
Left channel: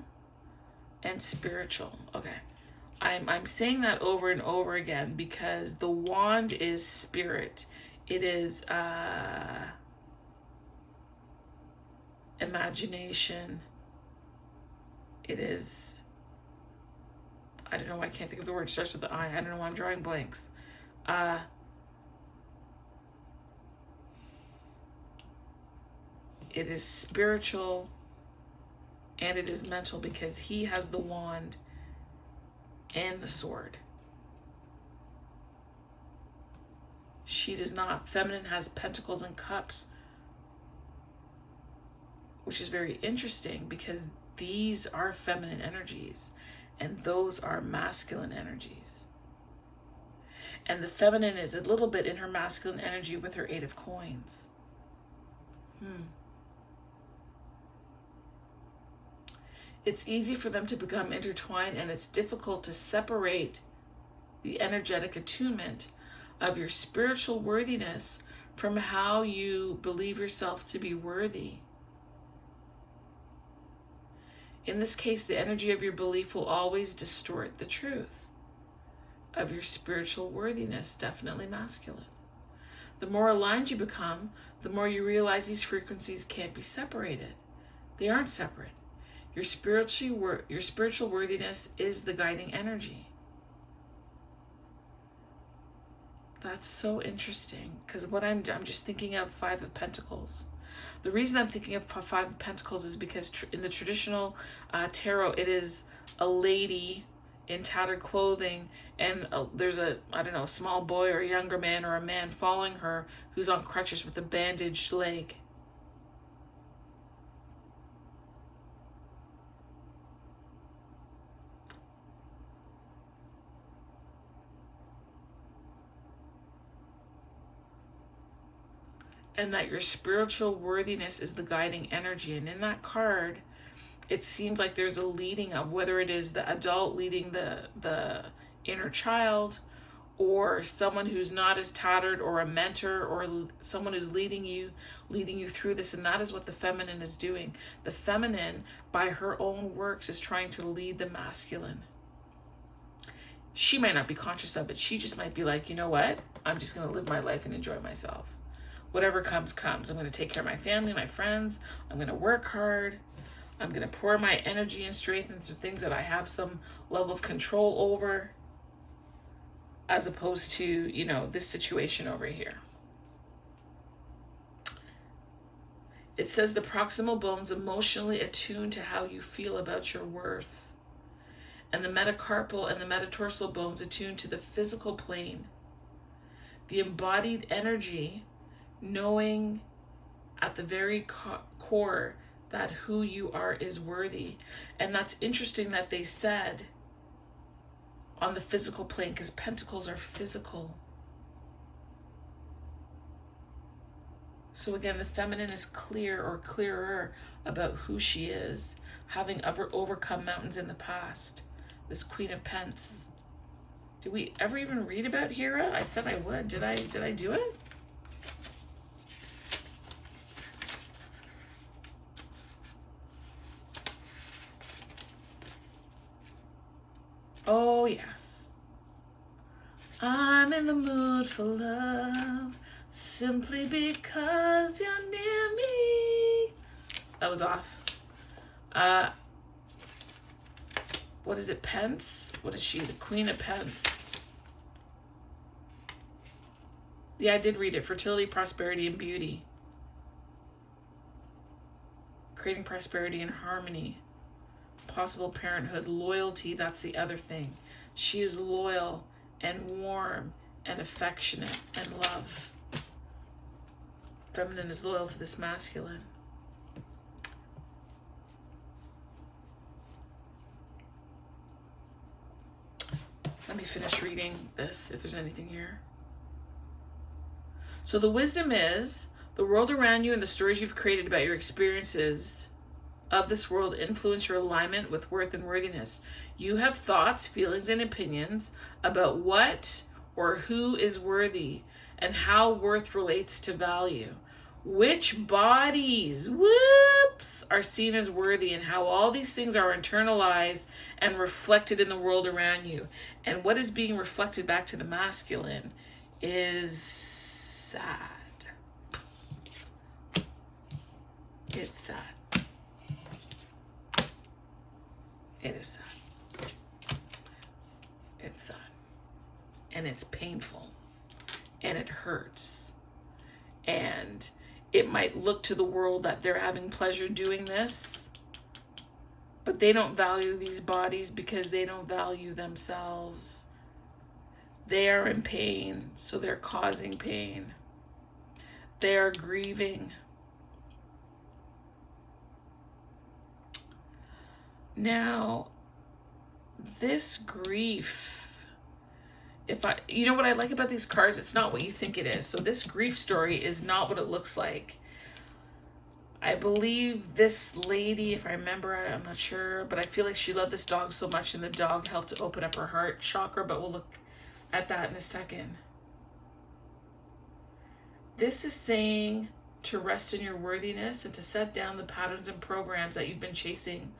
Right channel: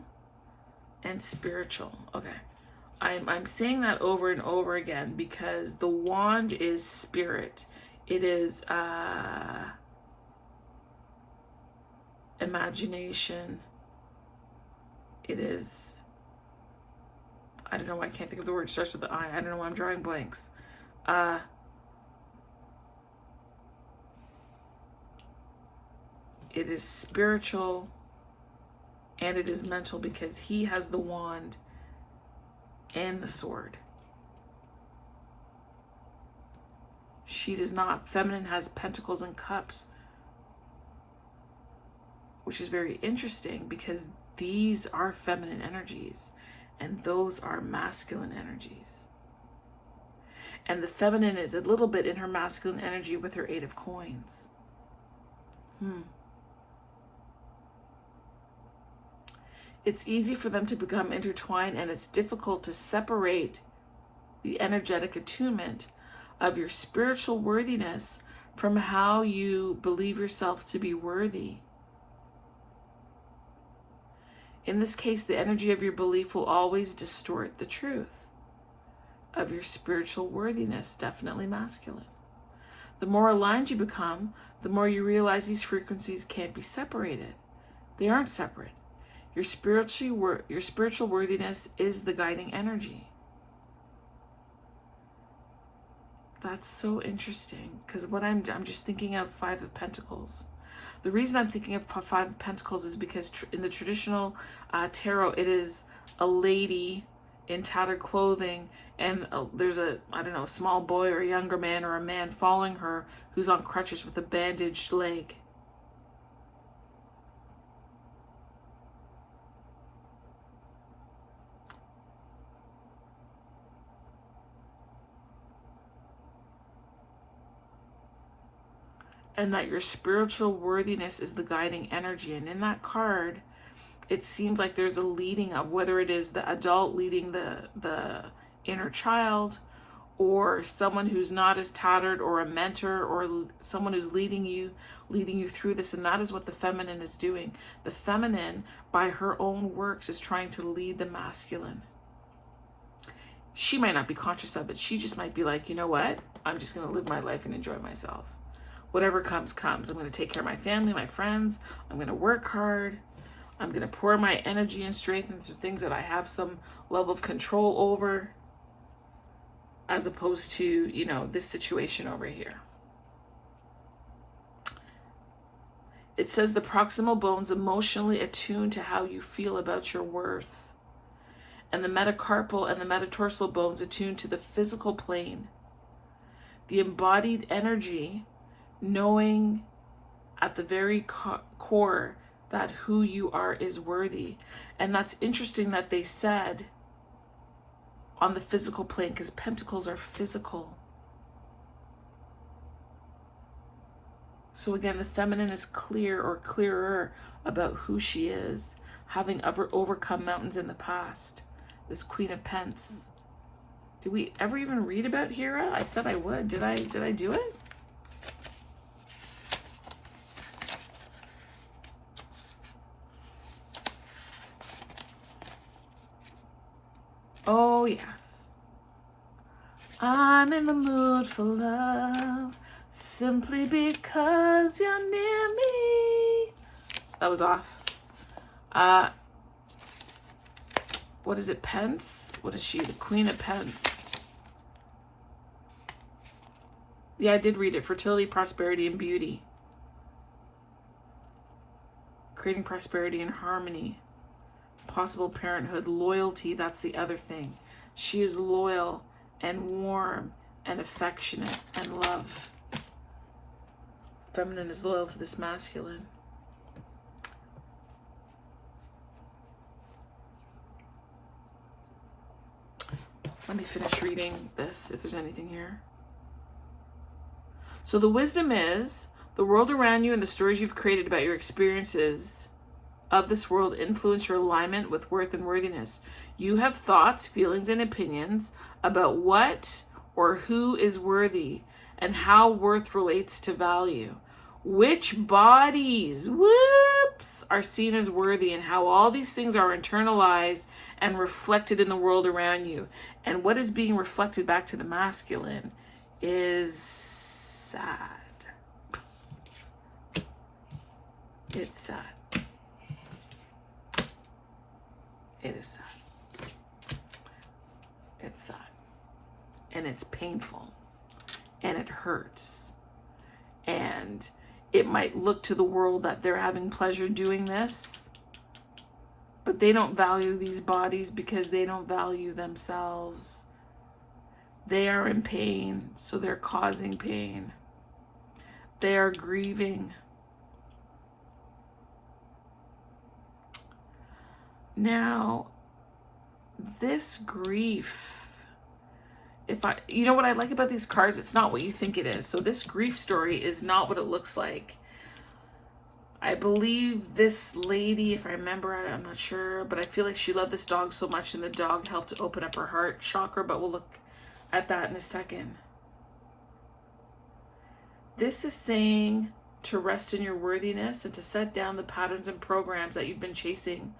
and spiritual. Okay. I'm saying that over and over again because the wand is spirit. It is imagination. It is, I don't know why I can't think of the word. It starts with the I. I don't know why I'm drawing blanks. It is spiritual and it is mental because he has the wand and the sword. She does not. Feminine has pentacles and cups, which is very interesting because these are feminine energies and those are masculine energies. And the feminine is a little bit in her masculine energy with her 8 of coins. It's easy for them to become intertwined, and it's difficult to separate the energetic attunement of your spiritual worthiness from how you believe yourself to be worthy. In this case, the energy of your belief will always distort the truth of your spiritual worthiness, definitely masculine. The more aligned you become, the more you realize these frequencies can't be separated. They aren't separate. Your spiritual worthiness is the guiding energy. That's so interesting because what I'm just thinking of 5 of Pentacles. The reason I'm thinking of 5 of Pentacles is because in the traditional tarot, it is a lady in tattered clothing, and there's a small boy or a younger man or a man following her who's on crutches with a bandaged leg. and that your spiritual worthiness is the guiding energy. And in that card, it seems like there's a leading of, whether it is the adult leading the inner child, or someone who's not as tattered, or a mentor, or someone who's leading you through this. And that is what the feminine is doing. The feminine, by her own works, is trying to lead the masculine. She might not be conscious of it. She just might be like, you know what? I'm just going to live my life and enjoy myself. Whatever comes, comes. I'm going to take care of my family, my friends. I'm going to work hard. I'm going to pour my energy and strength into things that I have some level of control over, as opposed to, you know, this situation over here. It says the proximal bones emotionally attune to how you feel about your worth. And the metacarpal and the metatarsal bones attune to the physical plane. The embodied energy, knowing at the very core that who you are is worthy. And that's interesting that they said on the physical plane, because pentacles are physical. So again, the feminine is clear or clearer about who she is, having overcome mountains in the past. This Queen of Pence. Did we ever even read about Hera? I said I would. Did I do it? Oh, yes. I'm in the mood for love, simply because you're near me. That was off. What is it, Pence? What is she? The Queen of Pence. Yeah, I did read it. Fertility, prosperity, and beauty. Creating prosperity and harmony. Possible parenthood, loyalty, that's the other thing. She is loyal and warm and affectionate and love. Feminine is loyal to this masculine. Let me finish reading this, if there's anything here. So the wisdom is, the world around you and the stories you've created about your experiences of this world influence your alignment with worth and worthiness. You have thoughts, feelings, and opinions about what or who is worthy and how worth relates to value. Which bodies, are seen as worthy, and how all these things are internalized and reflected in the world around you. And what is being reflected back to the masculine is sad. It's sad. It is sad. It's sad. And it's painful. And it hurts. And it might look to the world that they're having pleasure doing this, but they don't value these bodies because they don't value themselves. They are in pain, so they're causing pain. They are grieving. Now, this grief, you know what I like about these cards? It's not what you think it is. So this grief story is not what it looks like. I believe this lady, if I remember, I'm not sure, but I feel like she loved this dog so much and the dog helped to open up her heart chakra, but we'll look at that in a second. This is saying to rest in your worthiness and to set down the patterns and programs that you've been chasing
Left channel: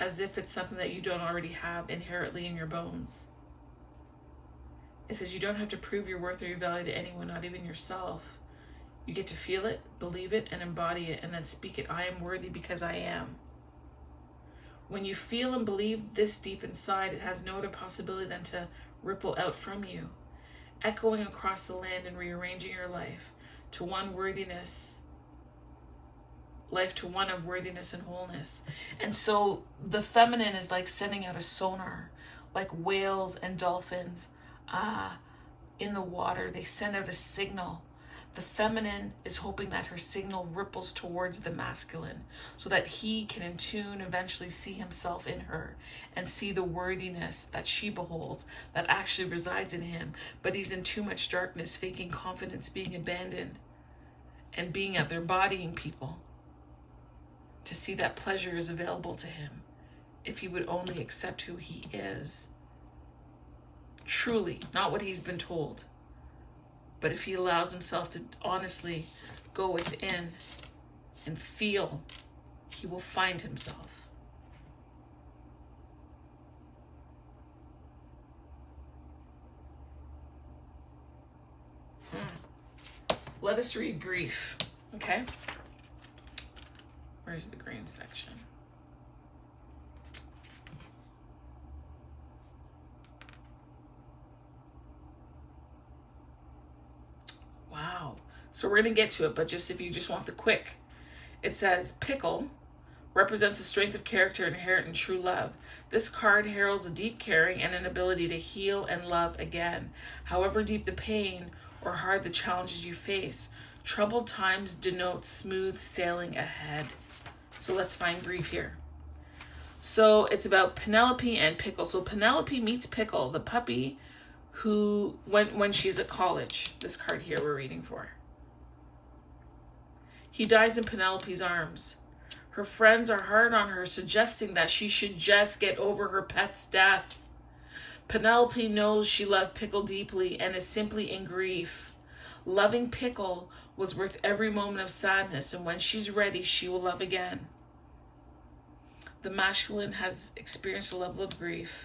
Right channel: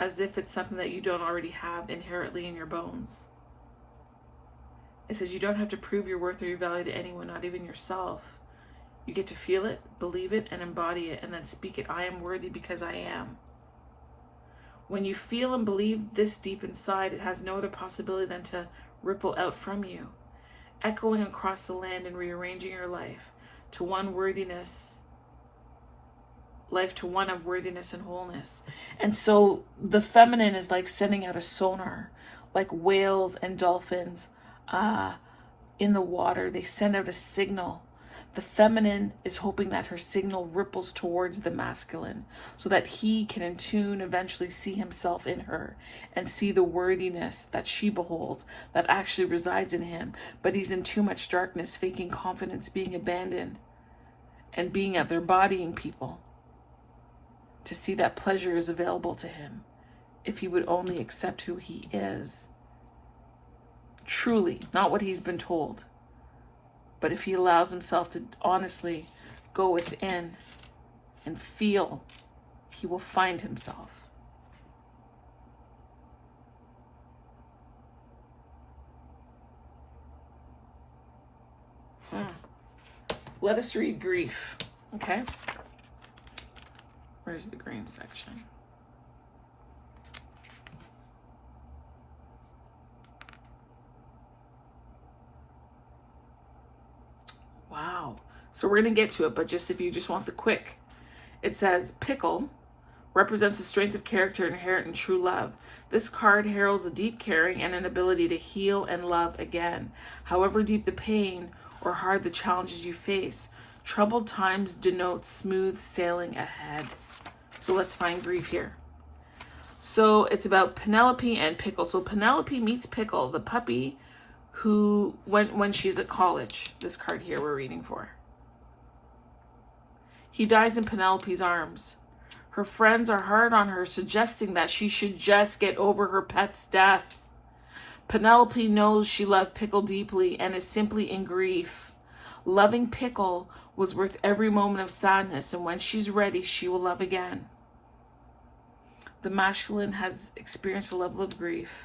as if it's something that you don't already have inherently in your bones. It says you don't have to prove your worth or your value to anyone, not even yourself. You get to feel it, believe it, and embody it, and then speak it. I am worthy because I am. When you feel and believe this deep inside, it has no other possibility than to ripple out from you, echoing across the land and rearranging your life to one worthiness, life to one of worthiness and wholeness. And so the feminine is like sending out a sonar, like whales and dolphins in the water. They send out a signal The feminine is hoping that her signal ripples towards the masculine so that he can in tune eventually see himself in her and see the worthiness that she beholds that actually resides in him. But he's in too much darkness, faking confidence, being abandoned, and being out there bodying people to see that pleasure is available to him if he would only accept who he is. Truly, not what he's been told. But if he allows himself to honestly go within and feel, he will find himself. Let us read grief, okay? Where's the green section? Wow. So we're going to get to it, but just if you just want the quick. It says, pickle represents the strength of character inherent in true love. This card heralds a deep caring and an ability to heal and love again. However deep the pain or hard the challenges you face, troubled times denote smooth sailing ahead. So let's find grief here. So it's about Penelope and Pickle. So Penelope meets Pickle, the puppy, who, when she's at college, this card here we're reading for. He dies in Penelope's arms. Her friends are hard on her, suggesting that she should just get over her pet's death. Penelope knows she loved Pickle deeply and is simply in grief. Loving Pickle was worth every moment of sadness, and when she's ready, she will love again. The masculine has experienced a level of grief.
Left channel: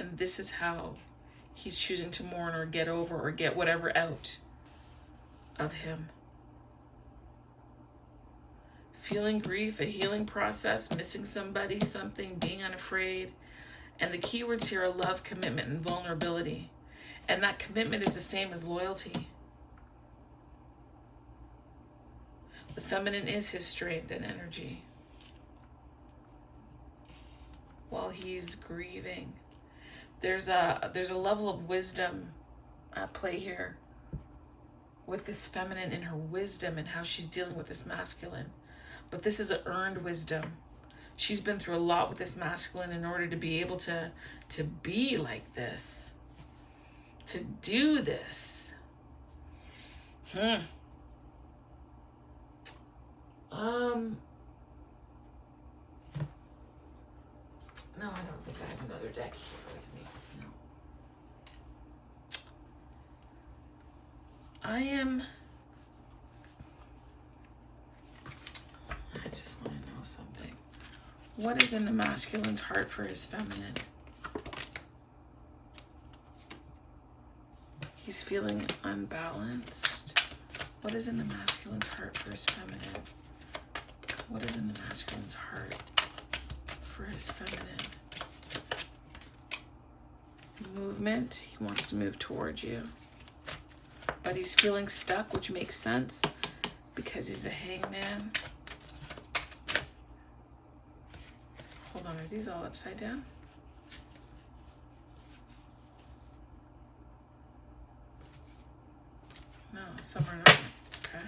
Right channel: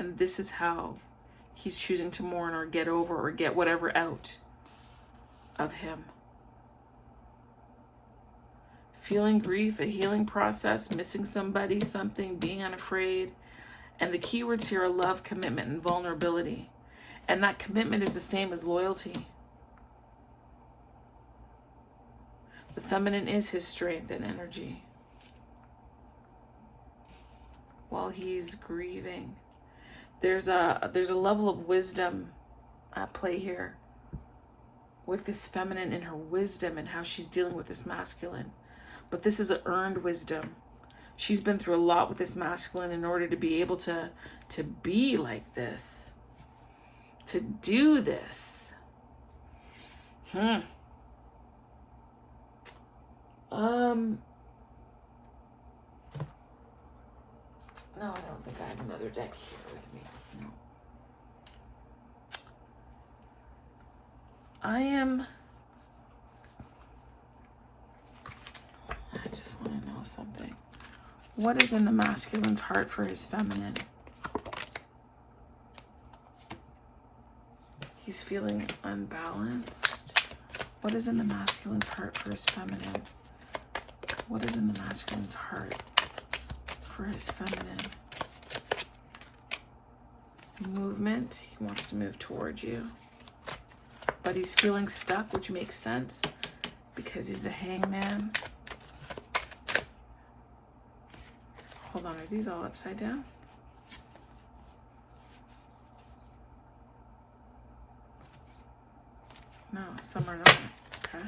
And this is how he's choosing to mourn or get over or get whatever out of him. Feeling grief, a healing process, missing somebody, something, being unafraid. And the keywords here are love, commitment, and vulnerability. And that commitment is the same as loyalty. The feminine is his strength and energy while he's grieving. There's a level of wisdom at play here with this feminine in her wisdom and how she's dealing with this masculine. But this is an earned wisdom. She's been through a lot with this masculine in order to be able to be like this, to do this. No, I don't think I have another deck here with me. No. I just want to know something. What is in the masculine's heart for his feminine? He's feeling unbalanced. What is in the masculine's heart for his feminine? What is in the masculine's heart for his feminine? Movement. He wants to move towards you. But he's feeling stuck, which makes sense because he's the hangman. Hold on, are these all upside down? No, some are not. Okay.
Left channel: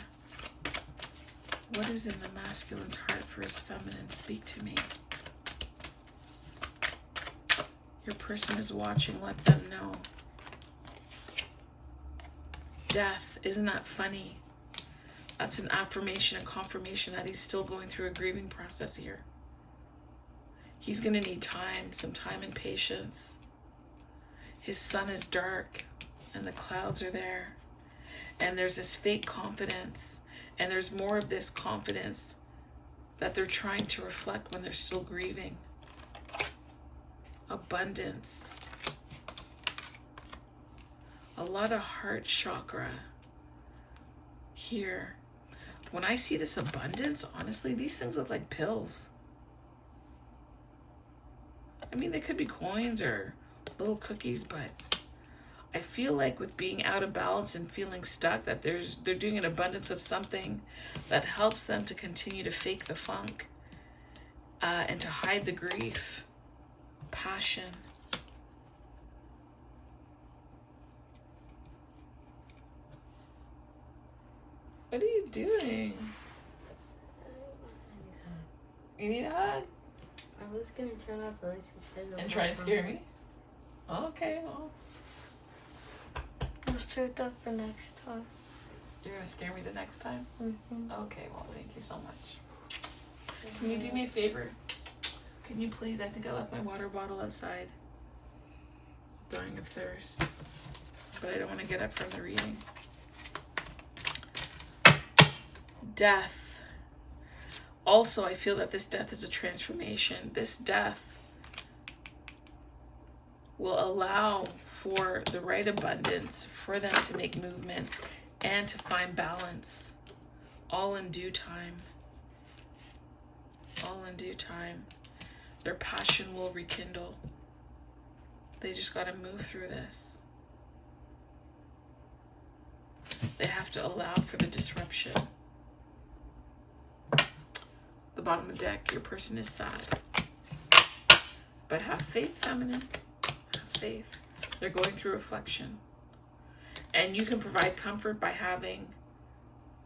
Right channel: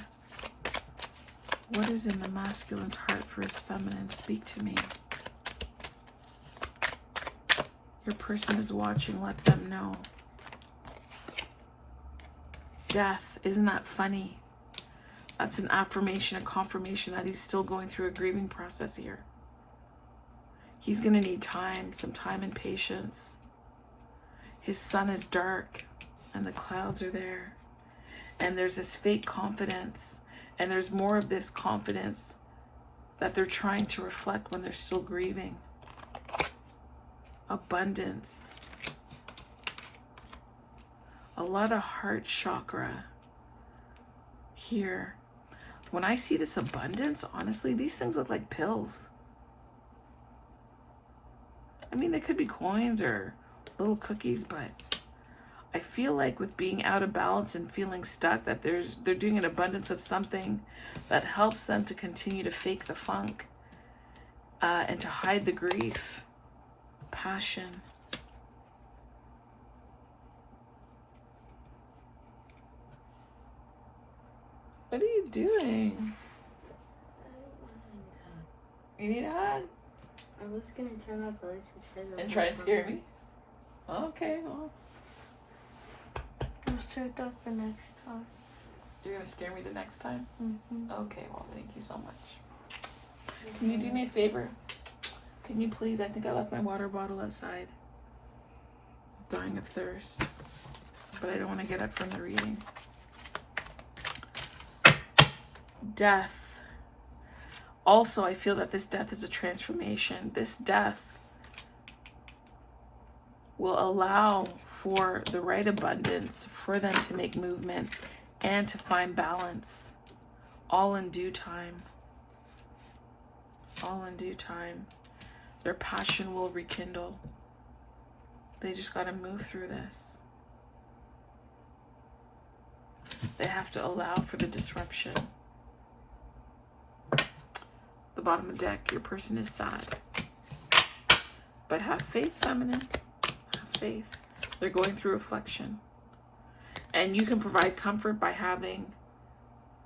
What is in the masculine's heart for his feminine? Speak to me. Your person is watching. Let them know. Death. Isn't that funny? That's an affirmation, a confirmation that he's still going through a grieving process here. He's going to need time, some time and patience. His sun is dark and the clouds are there. And there's this fake confidence. And there's more of this confidence that they're trying to reflect when they're still grieving. Abundance. A lot of heart chakra here. When I see this abundance, honestly, these things look like pills. I mean, they could be coins or little cookies, but I feel like with being out of balance and feeling stuck, that they're doing an abundance of something that helps them to continue to fake the funk and to hide the grief, passion. What are you doing? You need a hug? I was gonna turn off the lights and try and scare me? Okay, well. Let's turn it off the next time. You're gonna scare me the next time? Mm-hmm. Okay, well, thank you so much. Can you do me a favor? Can you please? I think I left my water bottle outside. I'm dying of thirst. But I don't want to get up from the reading. Death. Also, I feel that this death is a transformation. This death will allow for the right abundance for them to make movement and to find balance, all in due time. All in due time. Their passion will rekindle. They just got to move through this. They have to allow for the disruption. The bottom of the deck, your person is sad. But have faith, feminine. Have faith. They're going through reflection. And you can provide comfort by having,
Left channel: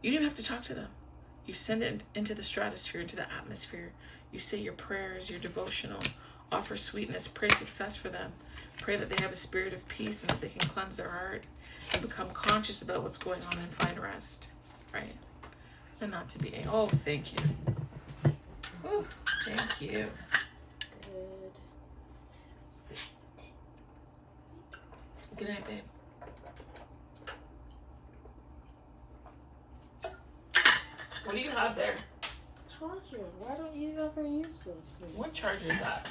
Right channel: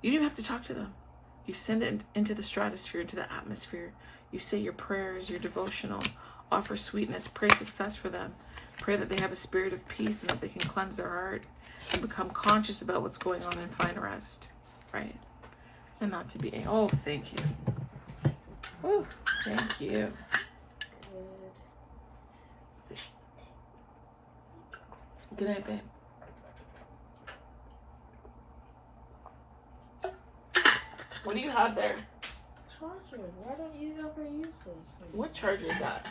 you don't have to talk to them. You send it into the stratosphere, into the atmosphere. You say your prayers, your devotional, offer sweetness, pray success for them. Pray that they have a spirit of peace and that they can cleanse their heart and become conscious about what's going on and find rest, right? And not to be, oh, thank you. Oh, thank you. Good night, babe. What do you have there? Charger. Why don't you ever use this? What charger is that?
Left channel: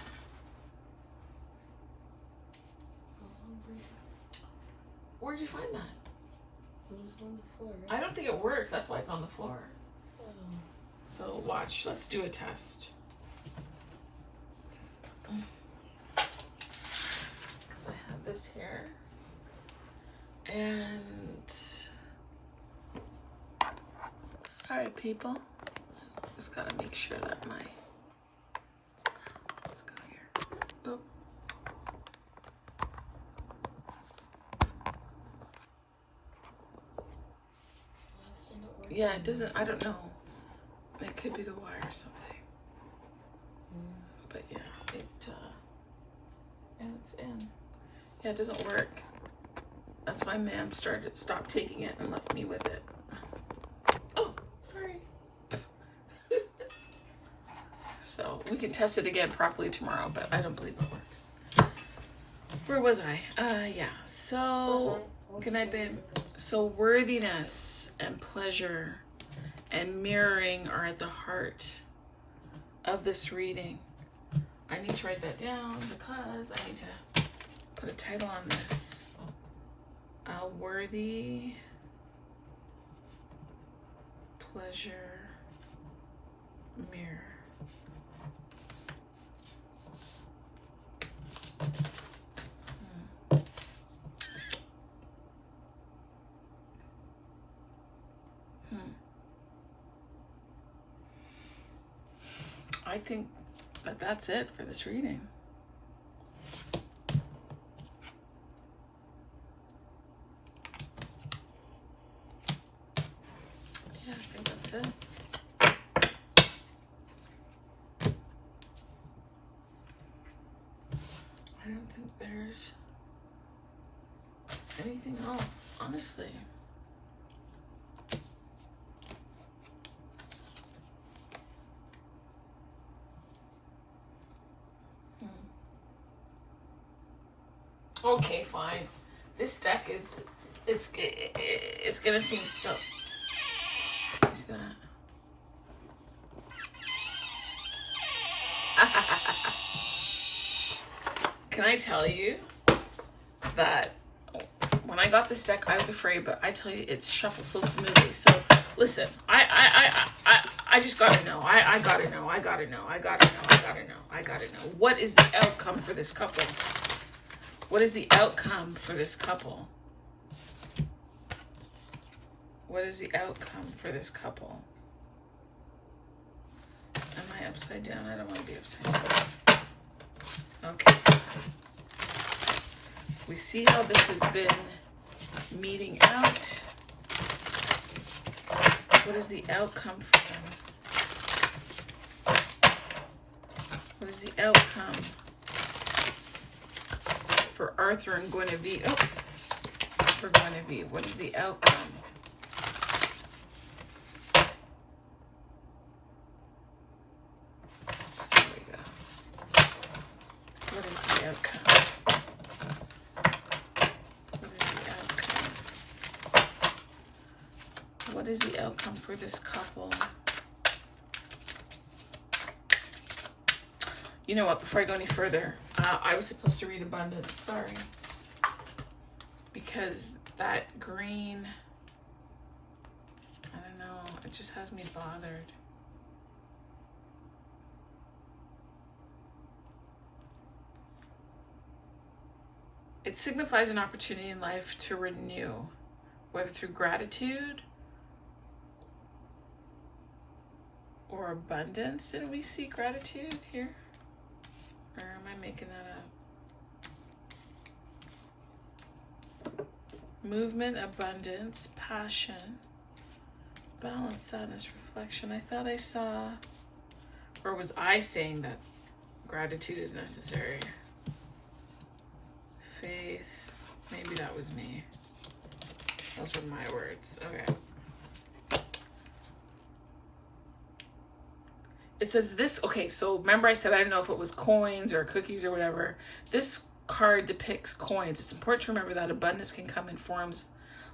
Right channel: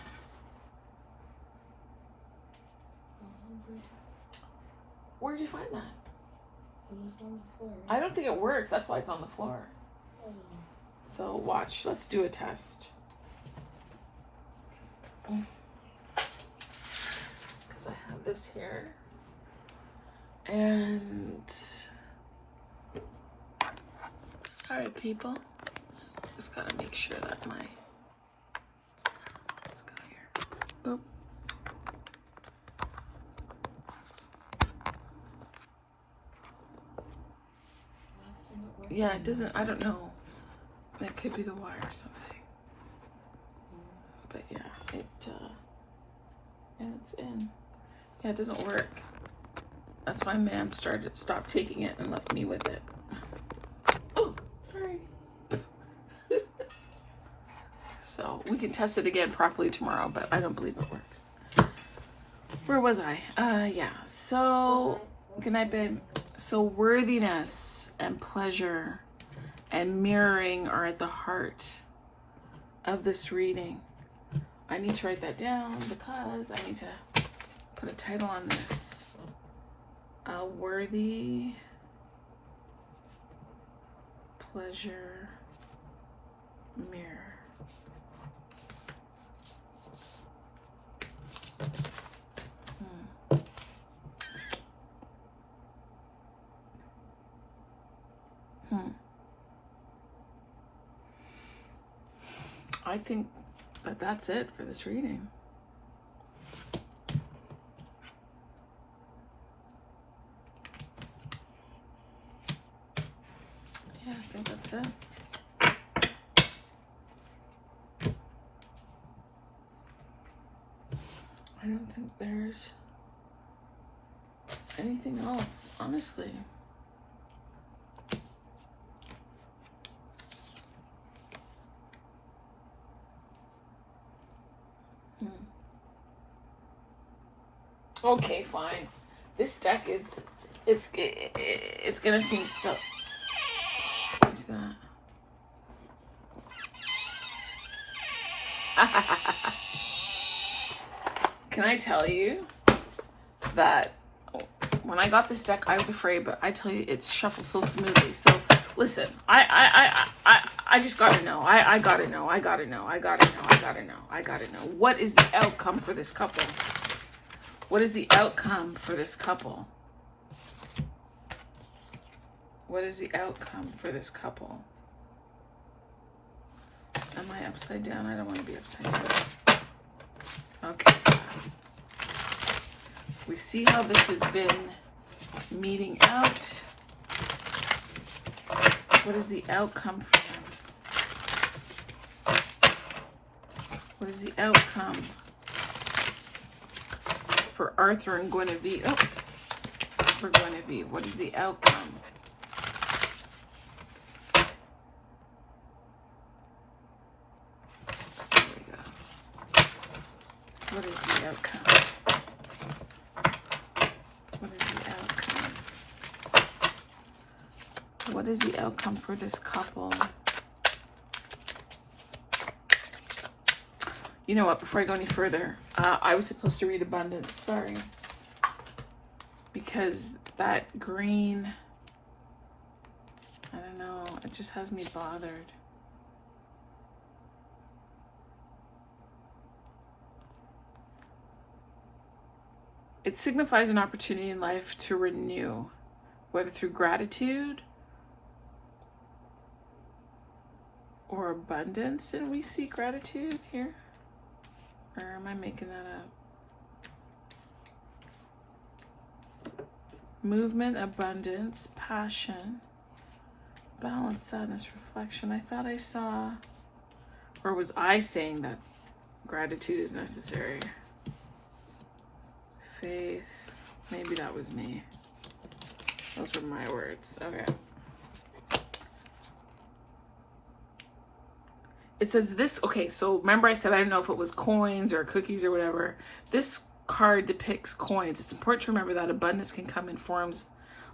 Where'd you find that? It was on the floor. I don't think it works. That's why it's on the floor. Oh. So watch. Let's do a test. So I have this here. And sorry, people. Just gotta make sure that my, let's go here. Oh. Yeah, it doesn't, I don't know. That could be the wire or something. But yeah, it's in. Yeah, it doesn't work. That's why man stopped taking it and left me with it. Oh, sorry. So we can test it again properly tomorrow, but I don't believe it works. Where was I? Yeah, so, good night, babe. So worthiness and pleasure and mirroring are at the heart of this reading. I need to write that down because I need to put a title on this. Worthy, pleasure, mirror. I think that that's it for this reading. Yeah, I think that's it. I don't think there's anything else, honestly. Okay, fine. This deck is, it's gonna seem so. What's that? Can I tell you that when I got this deck, I was afraid, but I tell you, it's shuffled so smoothly. So listen, I just gotta know. I gotta know. I gotta know. I gotta know. I gotta know. I gotta know. What is the outcome for this couple? What is the outcome for this couple? What is the outcome for this couple? Am I upside down? I don't want to be upside down. Okay. We see how this has been meeting out. What is the outcome for them? What is the outcome for Arthur and Guinevere? Oh, for Guinevere, what is the outcome? There we go. What is the outcome? What is the outcome? What is the outcome for this couple? You know what, before I go any further, I was supposed to read abundance, sorry. Because that green, I don't know, it just has me bothered. It signifies an opportunity in life to renew, whether through gratitude or abundance. Didn't we see gratitude here? Or am I making that up? Movement, abundance, passion, balance, sadness, reflection. I thought I saw, or was I saying that gratitude is necessary? Faith, maybe that was me. Those were my words. Okay. It says this, okay, so remember I said I didn't know if it was coins or cookies or whatever. This card depicts coins. It's important to remember that abundance can come in forms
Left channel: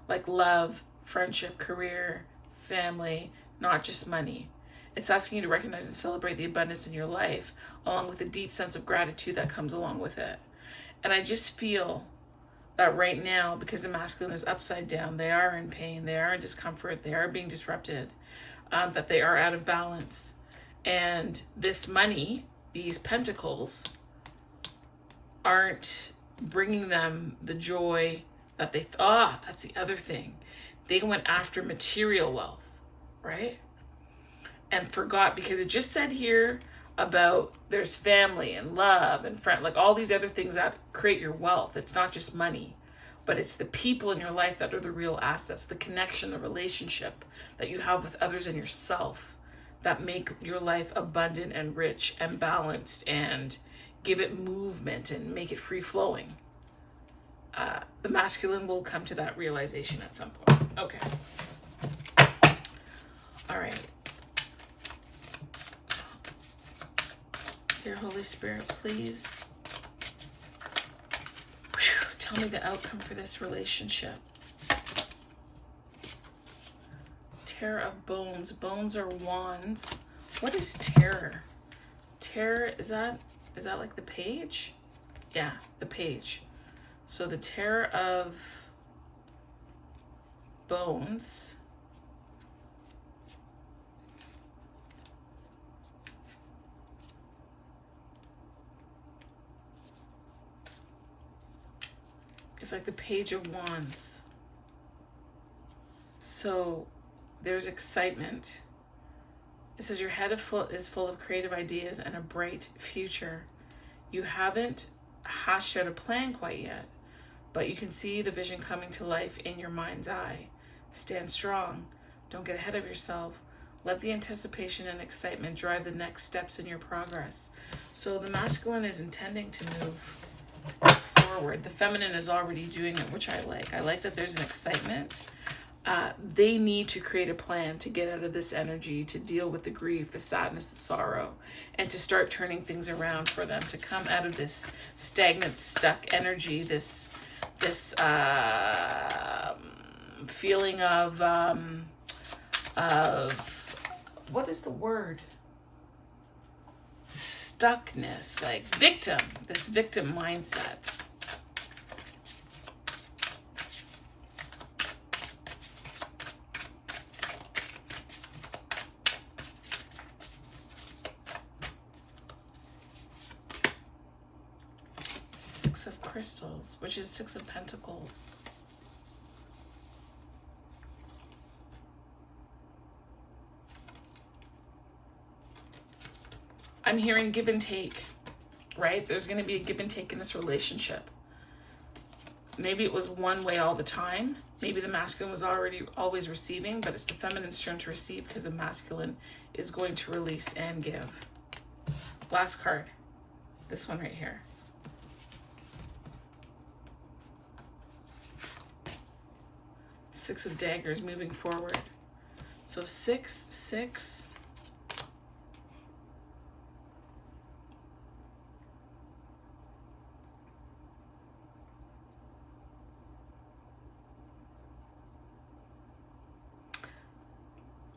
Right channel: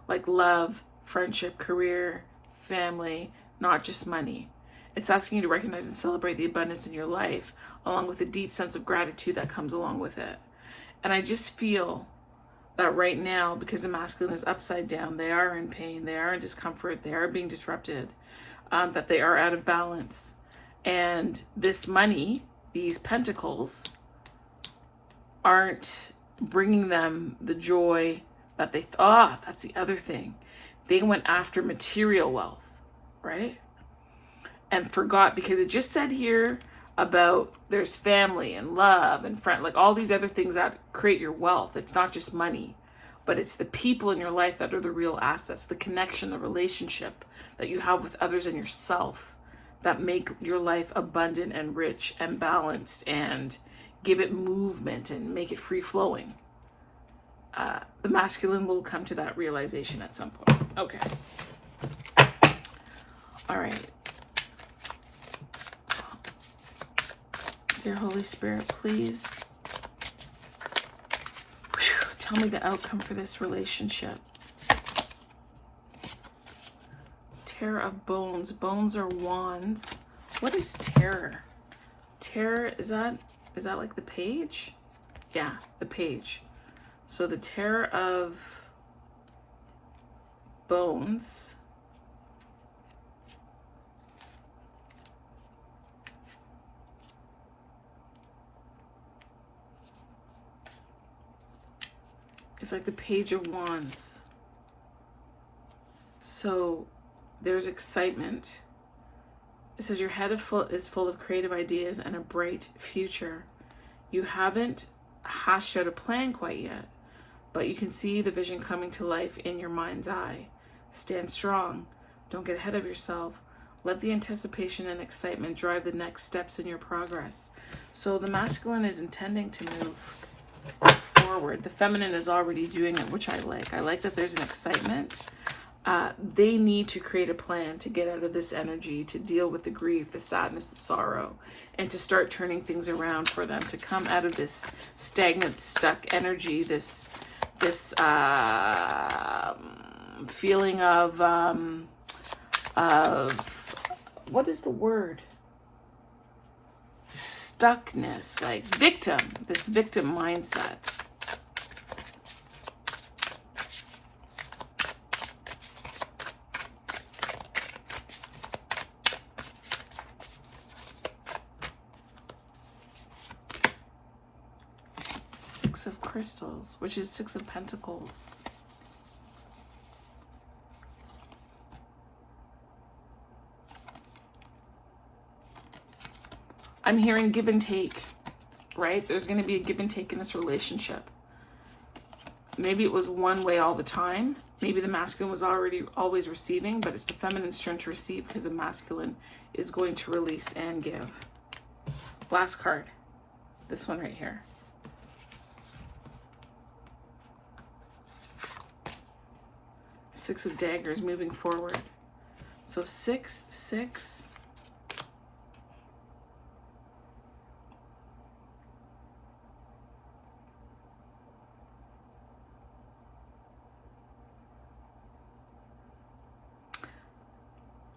like love, friendship, career, family, not just money. It's asking you to recognize and celebrate the abundance in your life, along with a deep sense of gratitude that comes along with it. And I just feel that right now, because the masculine is upside down, they are in pain, they are in discomfort, they are being disrupted, that they are out of balance. And this money, these pentacles, aren't bringing them the joy that they thought. That's the other thing. They went after material wealth, right? And forgot, because it just said here about there's family and love and friend, like all these other things that create your wealth. It's not just money, but it's the people in your life that are the real assets, the connection, the relationship that you have with others and yourself, that make your life abundant and rich and balanced and give it movement and make it free flowing. The masculine will come to that realization at some point. Okay. All right. Dear Holy Spirit, please tell me the outcome for this relationship. Terror of bones. Bones are wands. What is terror? Terror, is that like the page? Yeah, the page. So the terror of bones is like the page of wands. So there's excitement. It says your head is full of creative ideas and a bright future. You haven't hashed out a plan quite yet, but you can see the vision coming to life in your mind's eye. Stand strong. Don't get ahead of yourself. Let the anticipation and excitement drive the next steps in your progress. So the masculine is intending to move forward. The feminine is already doing it, which I like. I like that there's an excitement. They need to create a plan to get out of this energy, to deal with the grief, the sadness, the sorrow, and to start turning things around for them, to come out of this stagnant, stuck energy, this feeling of what is the word? Stuckness, like victim, this victim mindset. Six of crystals, which is Six of Pentacles. I'm hearing give and take, right? There's going to be a give and take in this relationship. Maybe it was one way all the time. Maybe the masculine was always receiving, but it's the feminine's turn to receive because the masculine is going to release and give. Last card. This one right here. Six of Daggers moving forward. So 6, 6.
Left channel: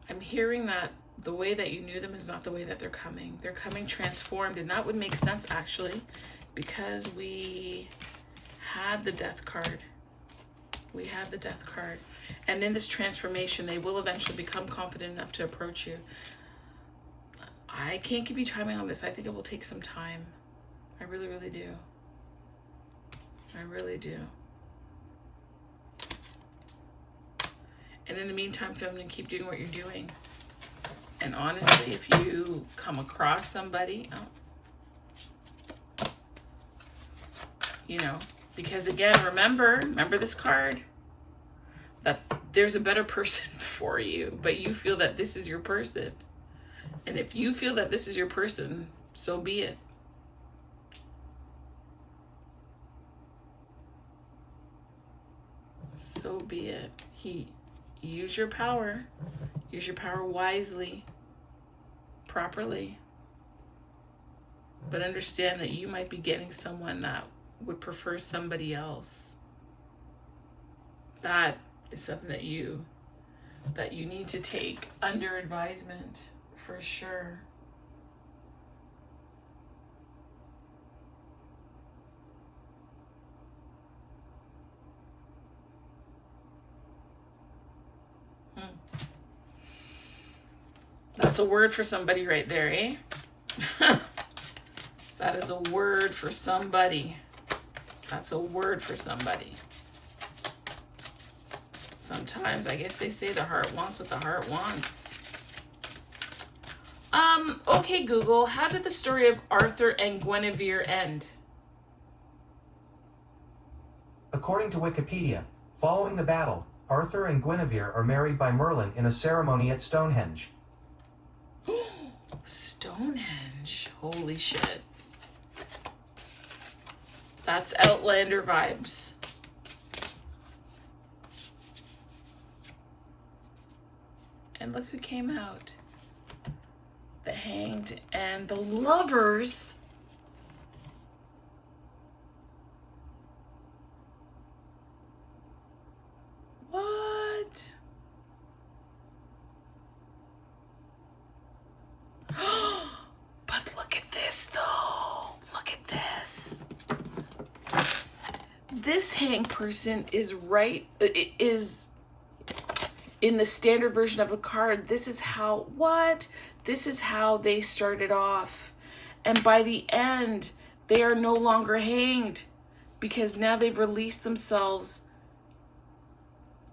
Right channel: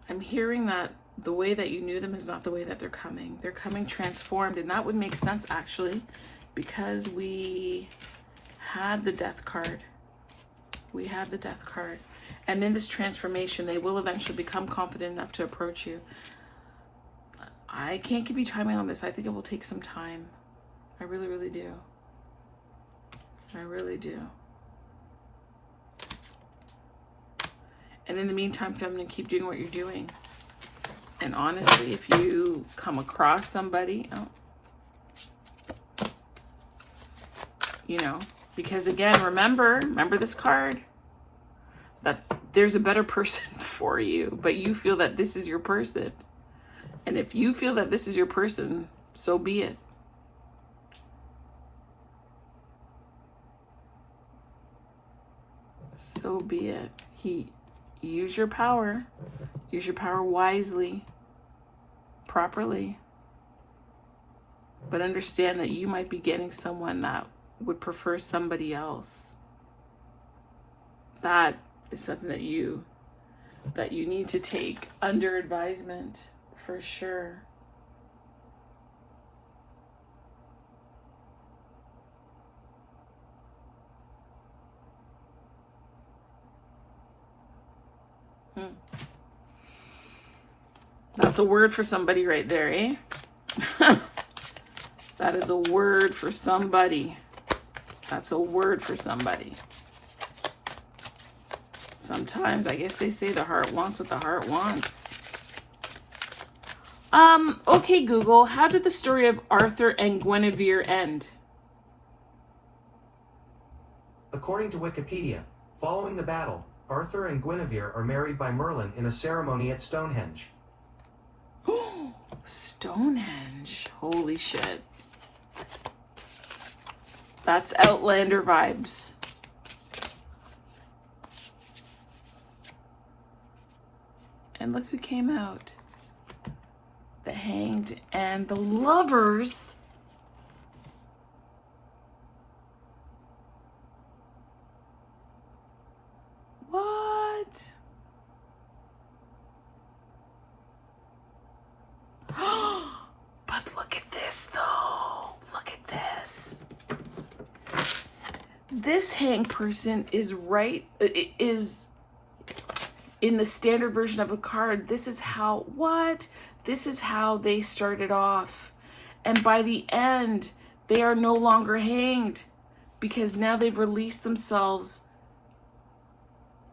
I'm hearing that the way that you knew them is not the way that they're coming. They're coming transformed, and that would make sense actually, because we had the Death card. We had the Death card. And in this transformation, they will eventually become confident enough to approach you. I can't give you timing on this. I think it will take some time. I really, really do. I really do. And in the meantime, feminine, keep doing what you're doing. And honestly, if you come across somebody, you know, because again, remember this card, that there's a better person for you, but you feel that this is your person. And if you feel that this is your person, so be it. So be it. Use your power. Use your power wisely, properly. But understand that you might be getting someone that would prefer somebody else. That is something that you need to take under advisement for sure. That's a word for somebody right there, eh? That is a word for somebody. That's a word for somebody. Sometimes I guess they say the heart wants what the heart wants. Okay, Google, how did the story of Arthur and Guinevere end? According to Wikipedia, following the battle, Arthur and Guinevere are married by Merlin in a ceremony at Stonehenge. Stonehenge. Holy shit. That's Outlander vibes. And look who came out. The Hanged and the Lovers. What? But look at this though. Look at this. This hanged person is in the standard version of the card. This is how, This is how they started off. And by the end, they are no longer hanged because now they've released themselves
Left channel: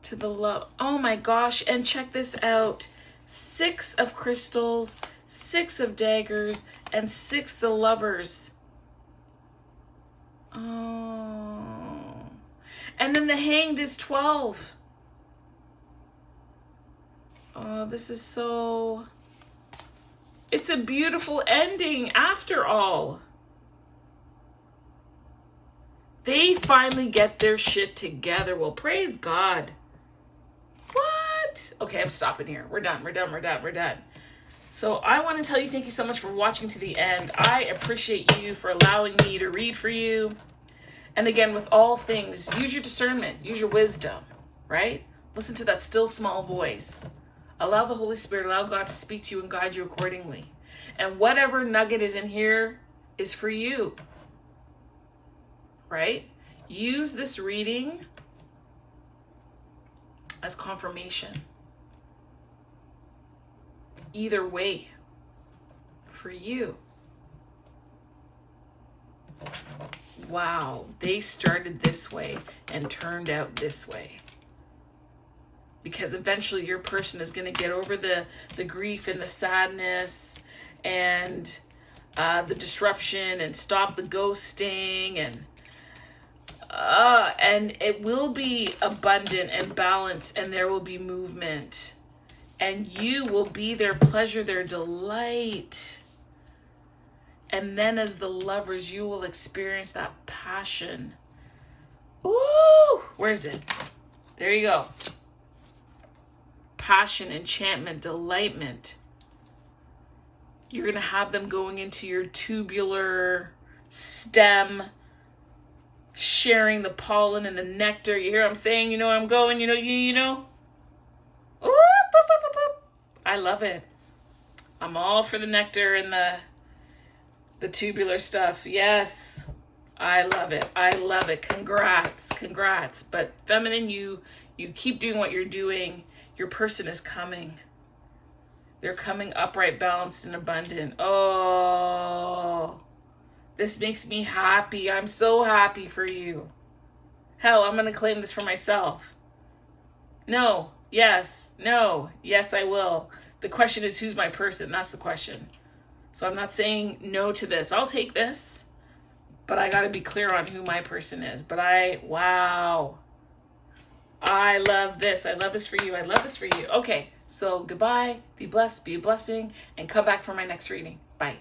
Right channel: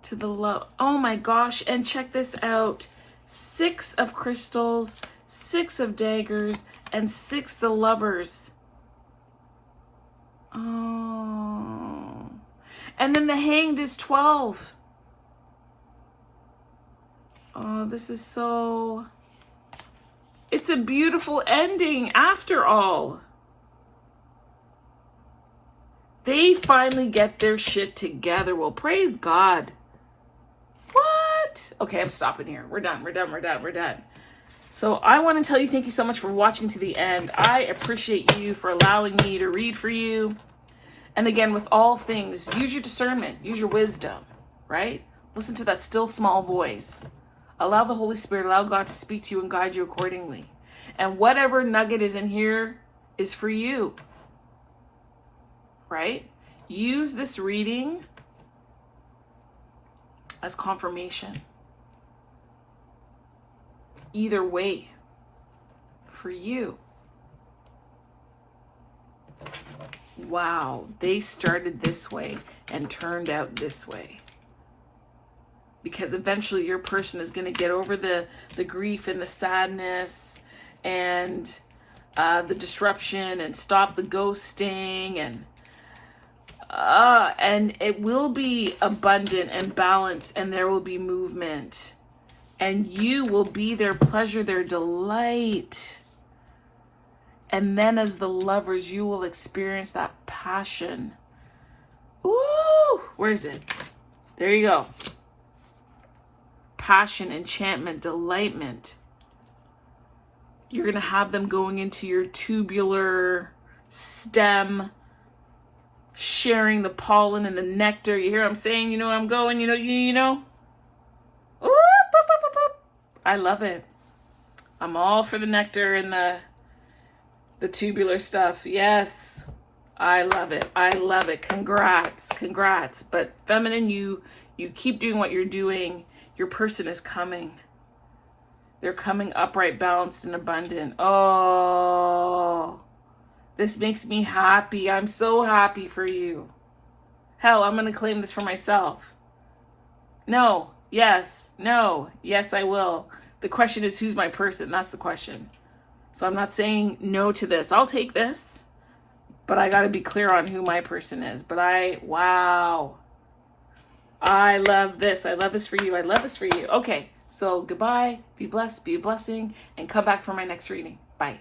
to the love. Oh my gosh. And check this out. 6 of crystals, 6 of daggers, and 6 the lovers. Oh. And then the hanged is 12. Oh, this is so... It's a beautiful ending after all. They finally get their shit together. Well, praise God. What? Okay, I'm stopping here. We're done. So I want to tell you thank you so much for watching to the end. I appreciate you for allowing me to read for you. And again, with all things, use your discernment, use your wisdom, right? Listen to that still small voice. Allow the Holy Spirit, allow God to speak to you and guide you accordingly. And whatever nugget is in here is for you, right? Use this reading as confirmation. Either way, for you. Wow, they started this way and turned out this way. Because eventually your person is going to get over the grief and the sadness and the disruption and stop the ghosting, and it will be abundant and balanced, and there will be movement, and you will be their pleasure, their delight. And then as the lovers, you will experience that passion. Ooh, where is it? There you go. Passion, enchantment, delightment. You're going to have them going into your tubular stem, sharing the pollen and the nectar. You hear what I'm saying? You know where I'm going? You know? Ooh, boop, boop, boop, boop. I love it. I'm all for the nectar and the tubular stuff. Yes. I love it. I love it. Congrats. But feminine, you keep doing what you're doing. Your person is coming. They're coming upright, balanced, and abundant. Oh, this makes me happy. I'm so happy for you. Hell, I'm going to claim this for myself. No, yes, no, yes, I will. The question is, who's my person? That's the question. So I'm not saying no to this. I'll take this, but I got to be clear on who my person is. But wow. I love this. I love this for you. I love this for you. Okay, so goodbye. Be blessed. Be a blessing. And come back for my next reading. Bye.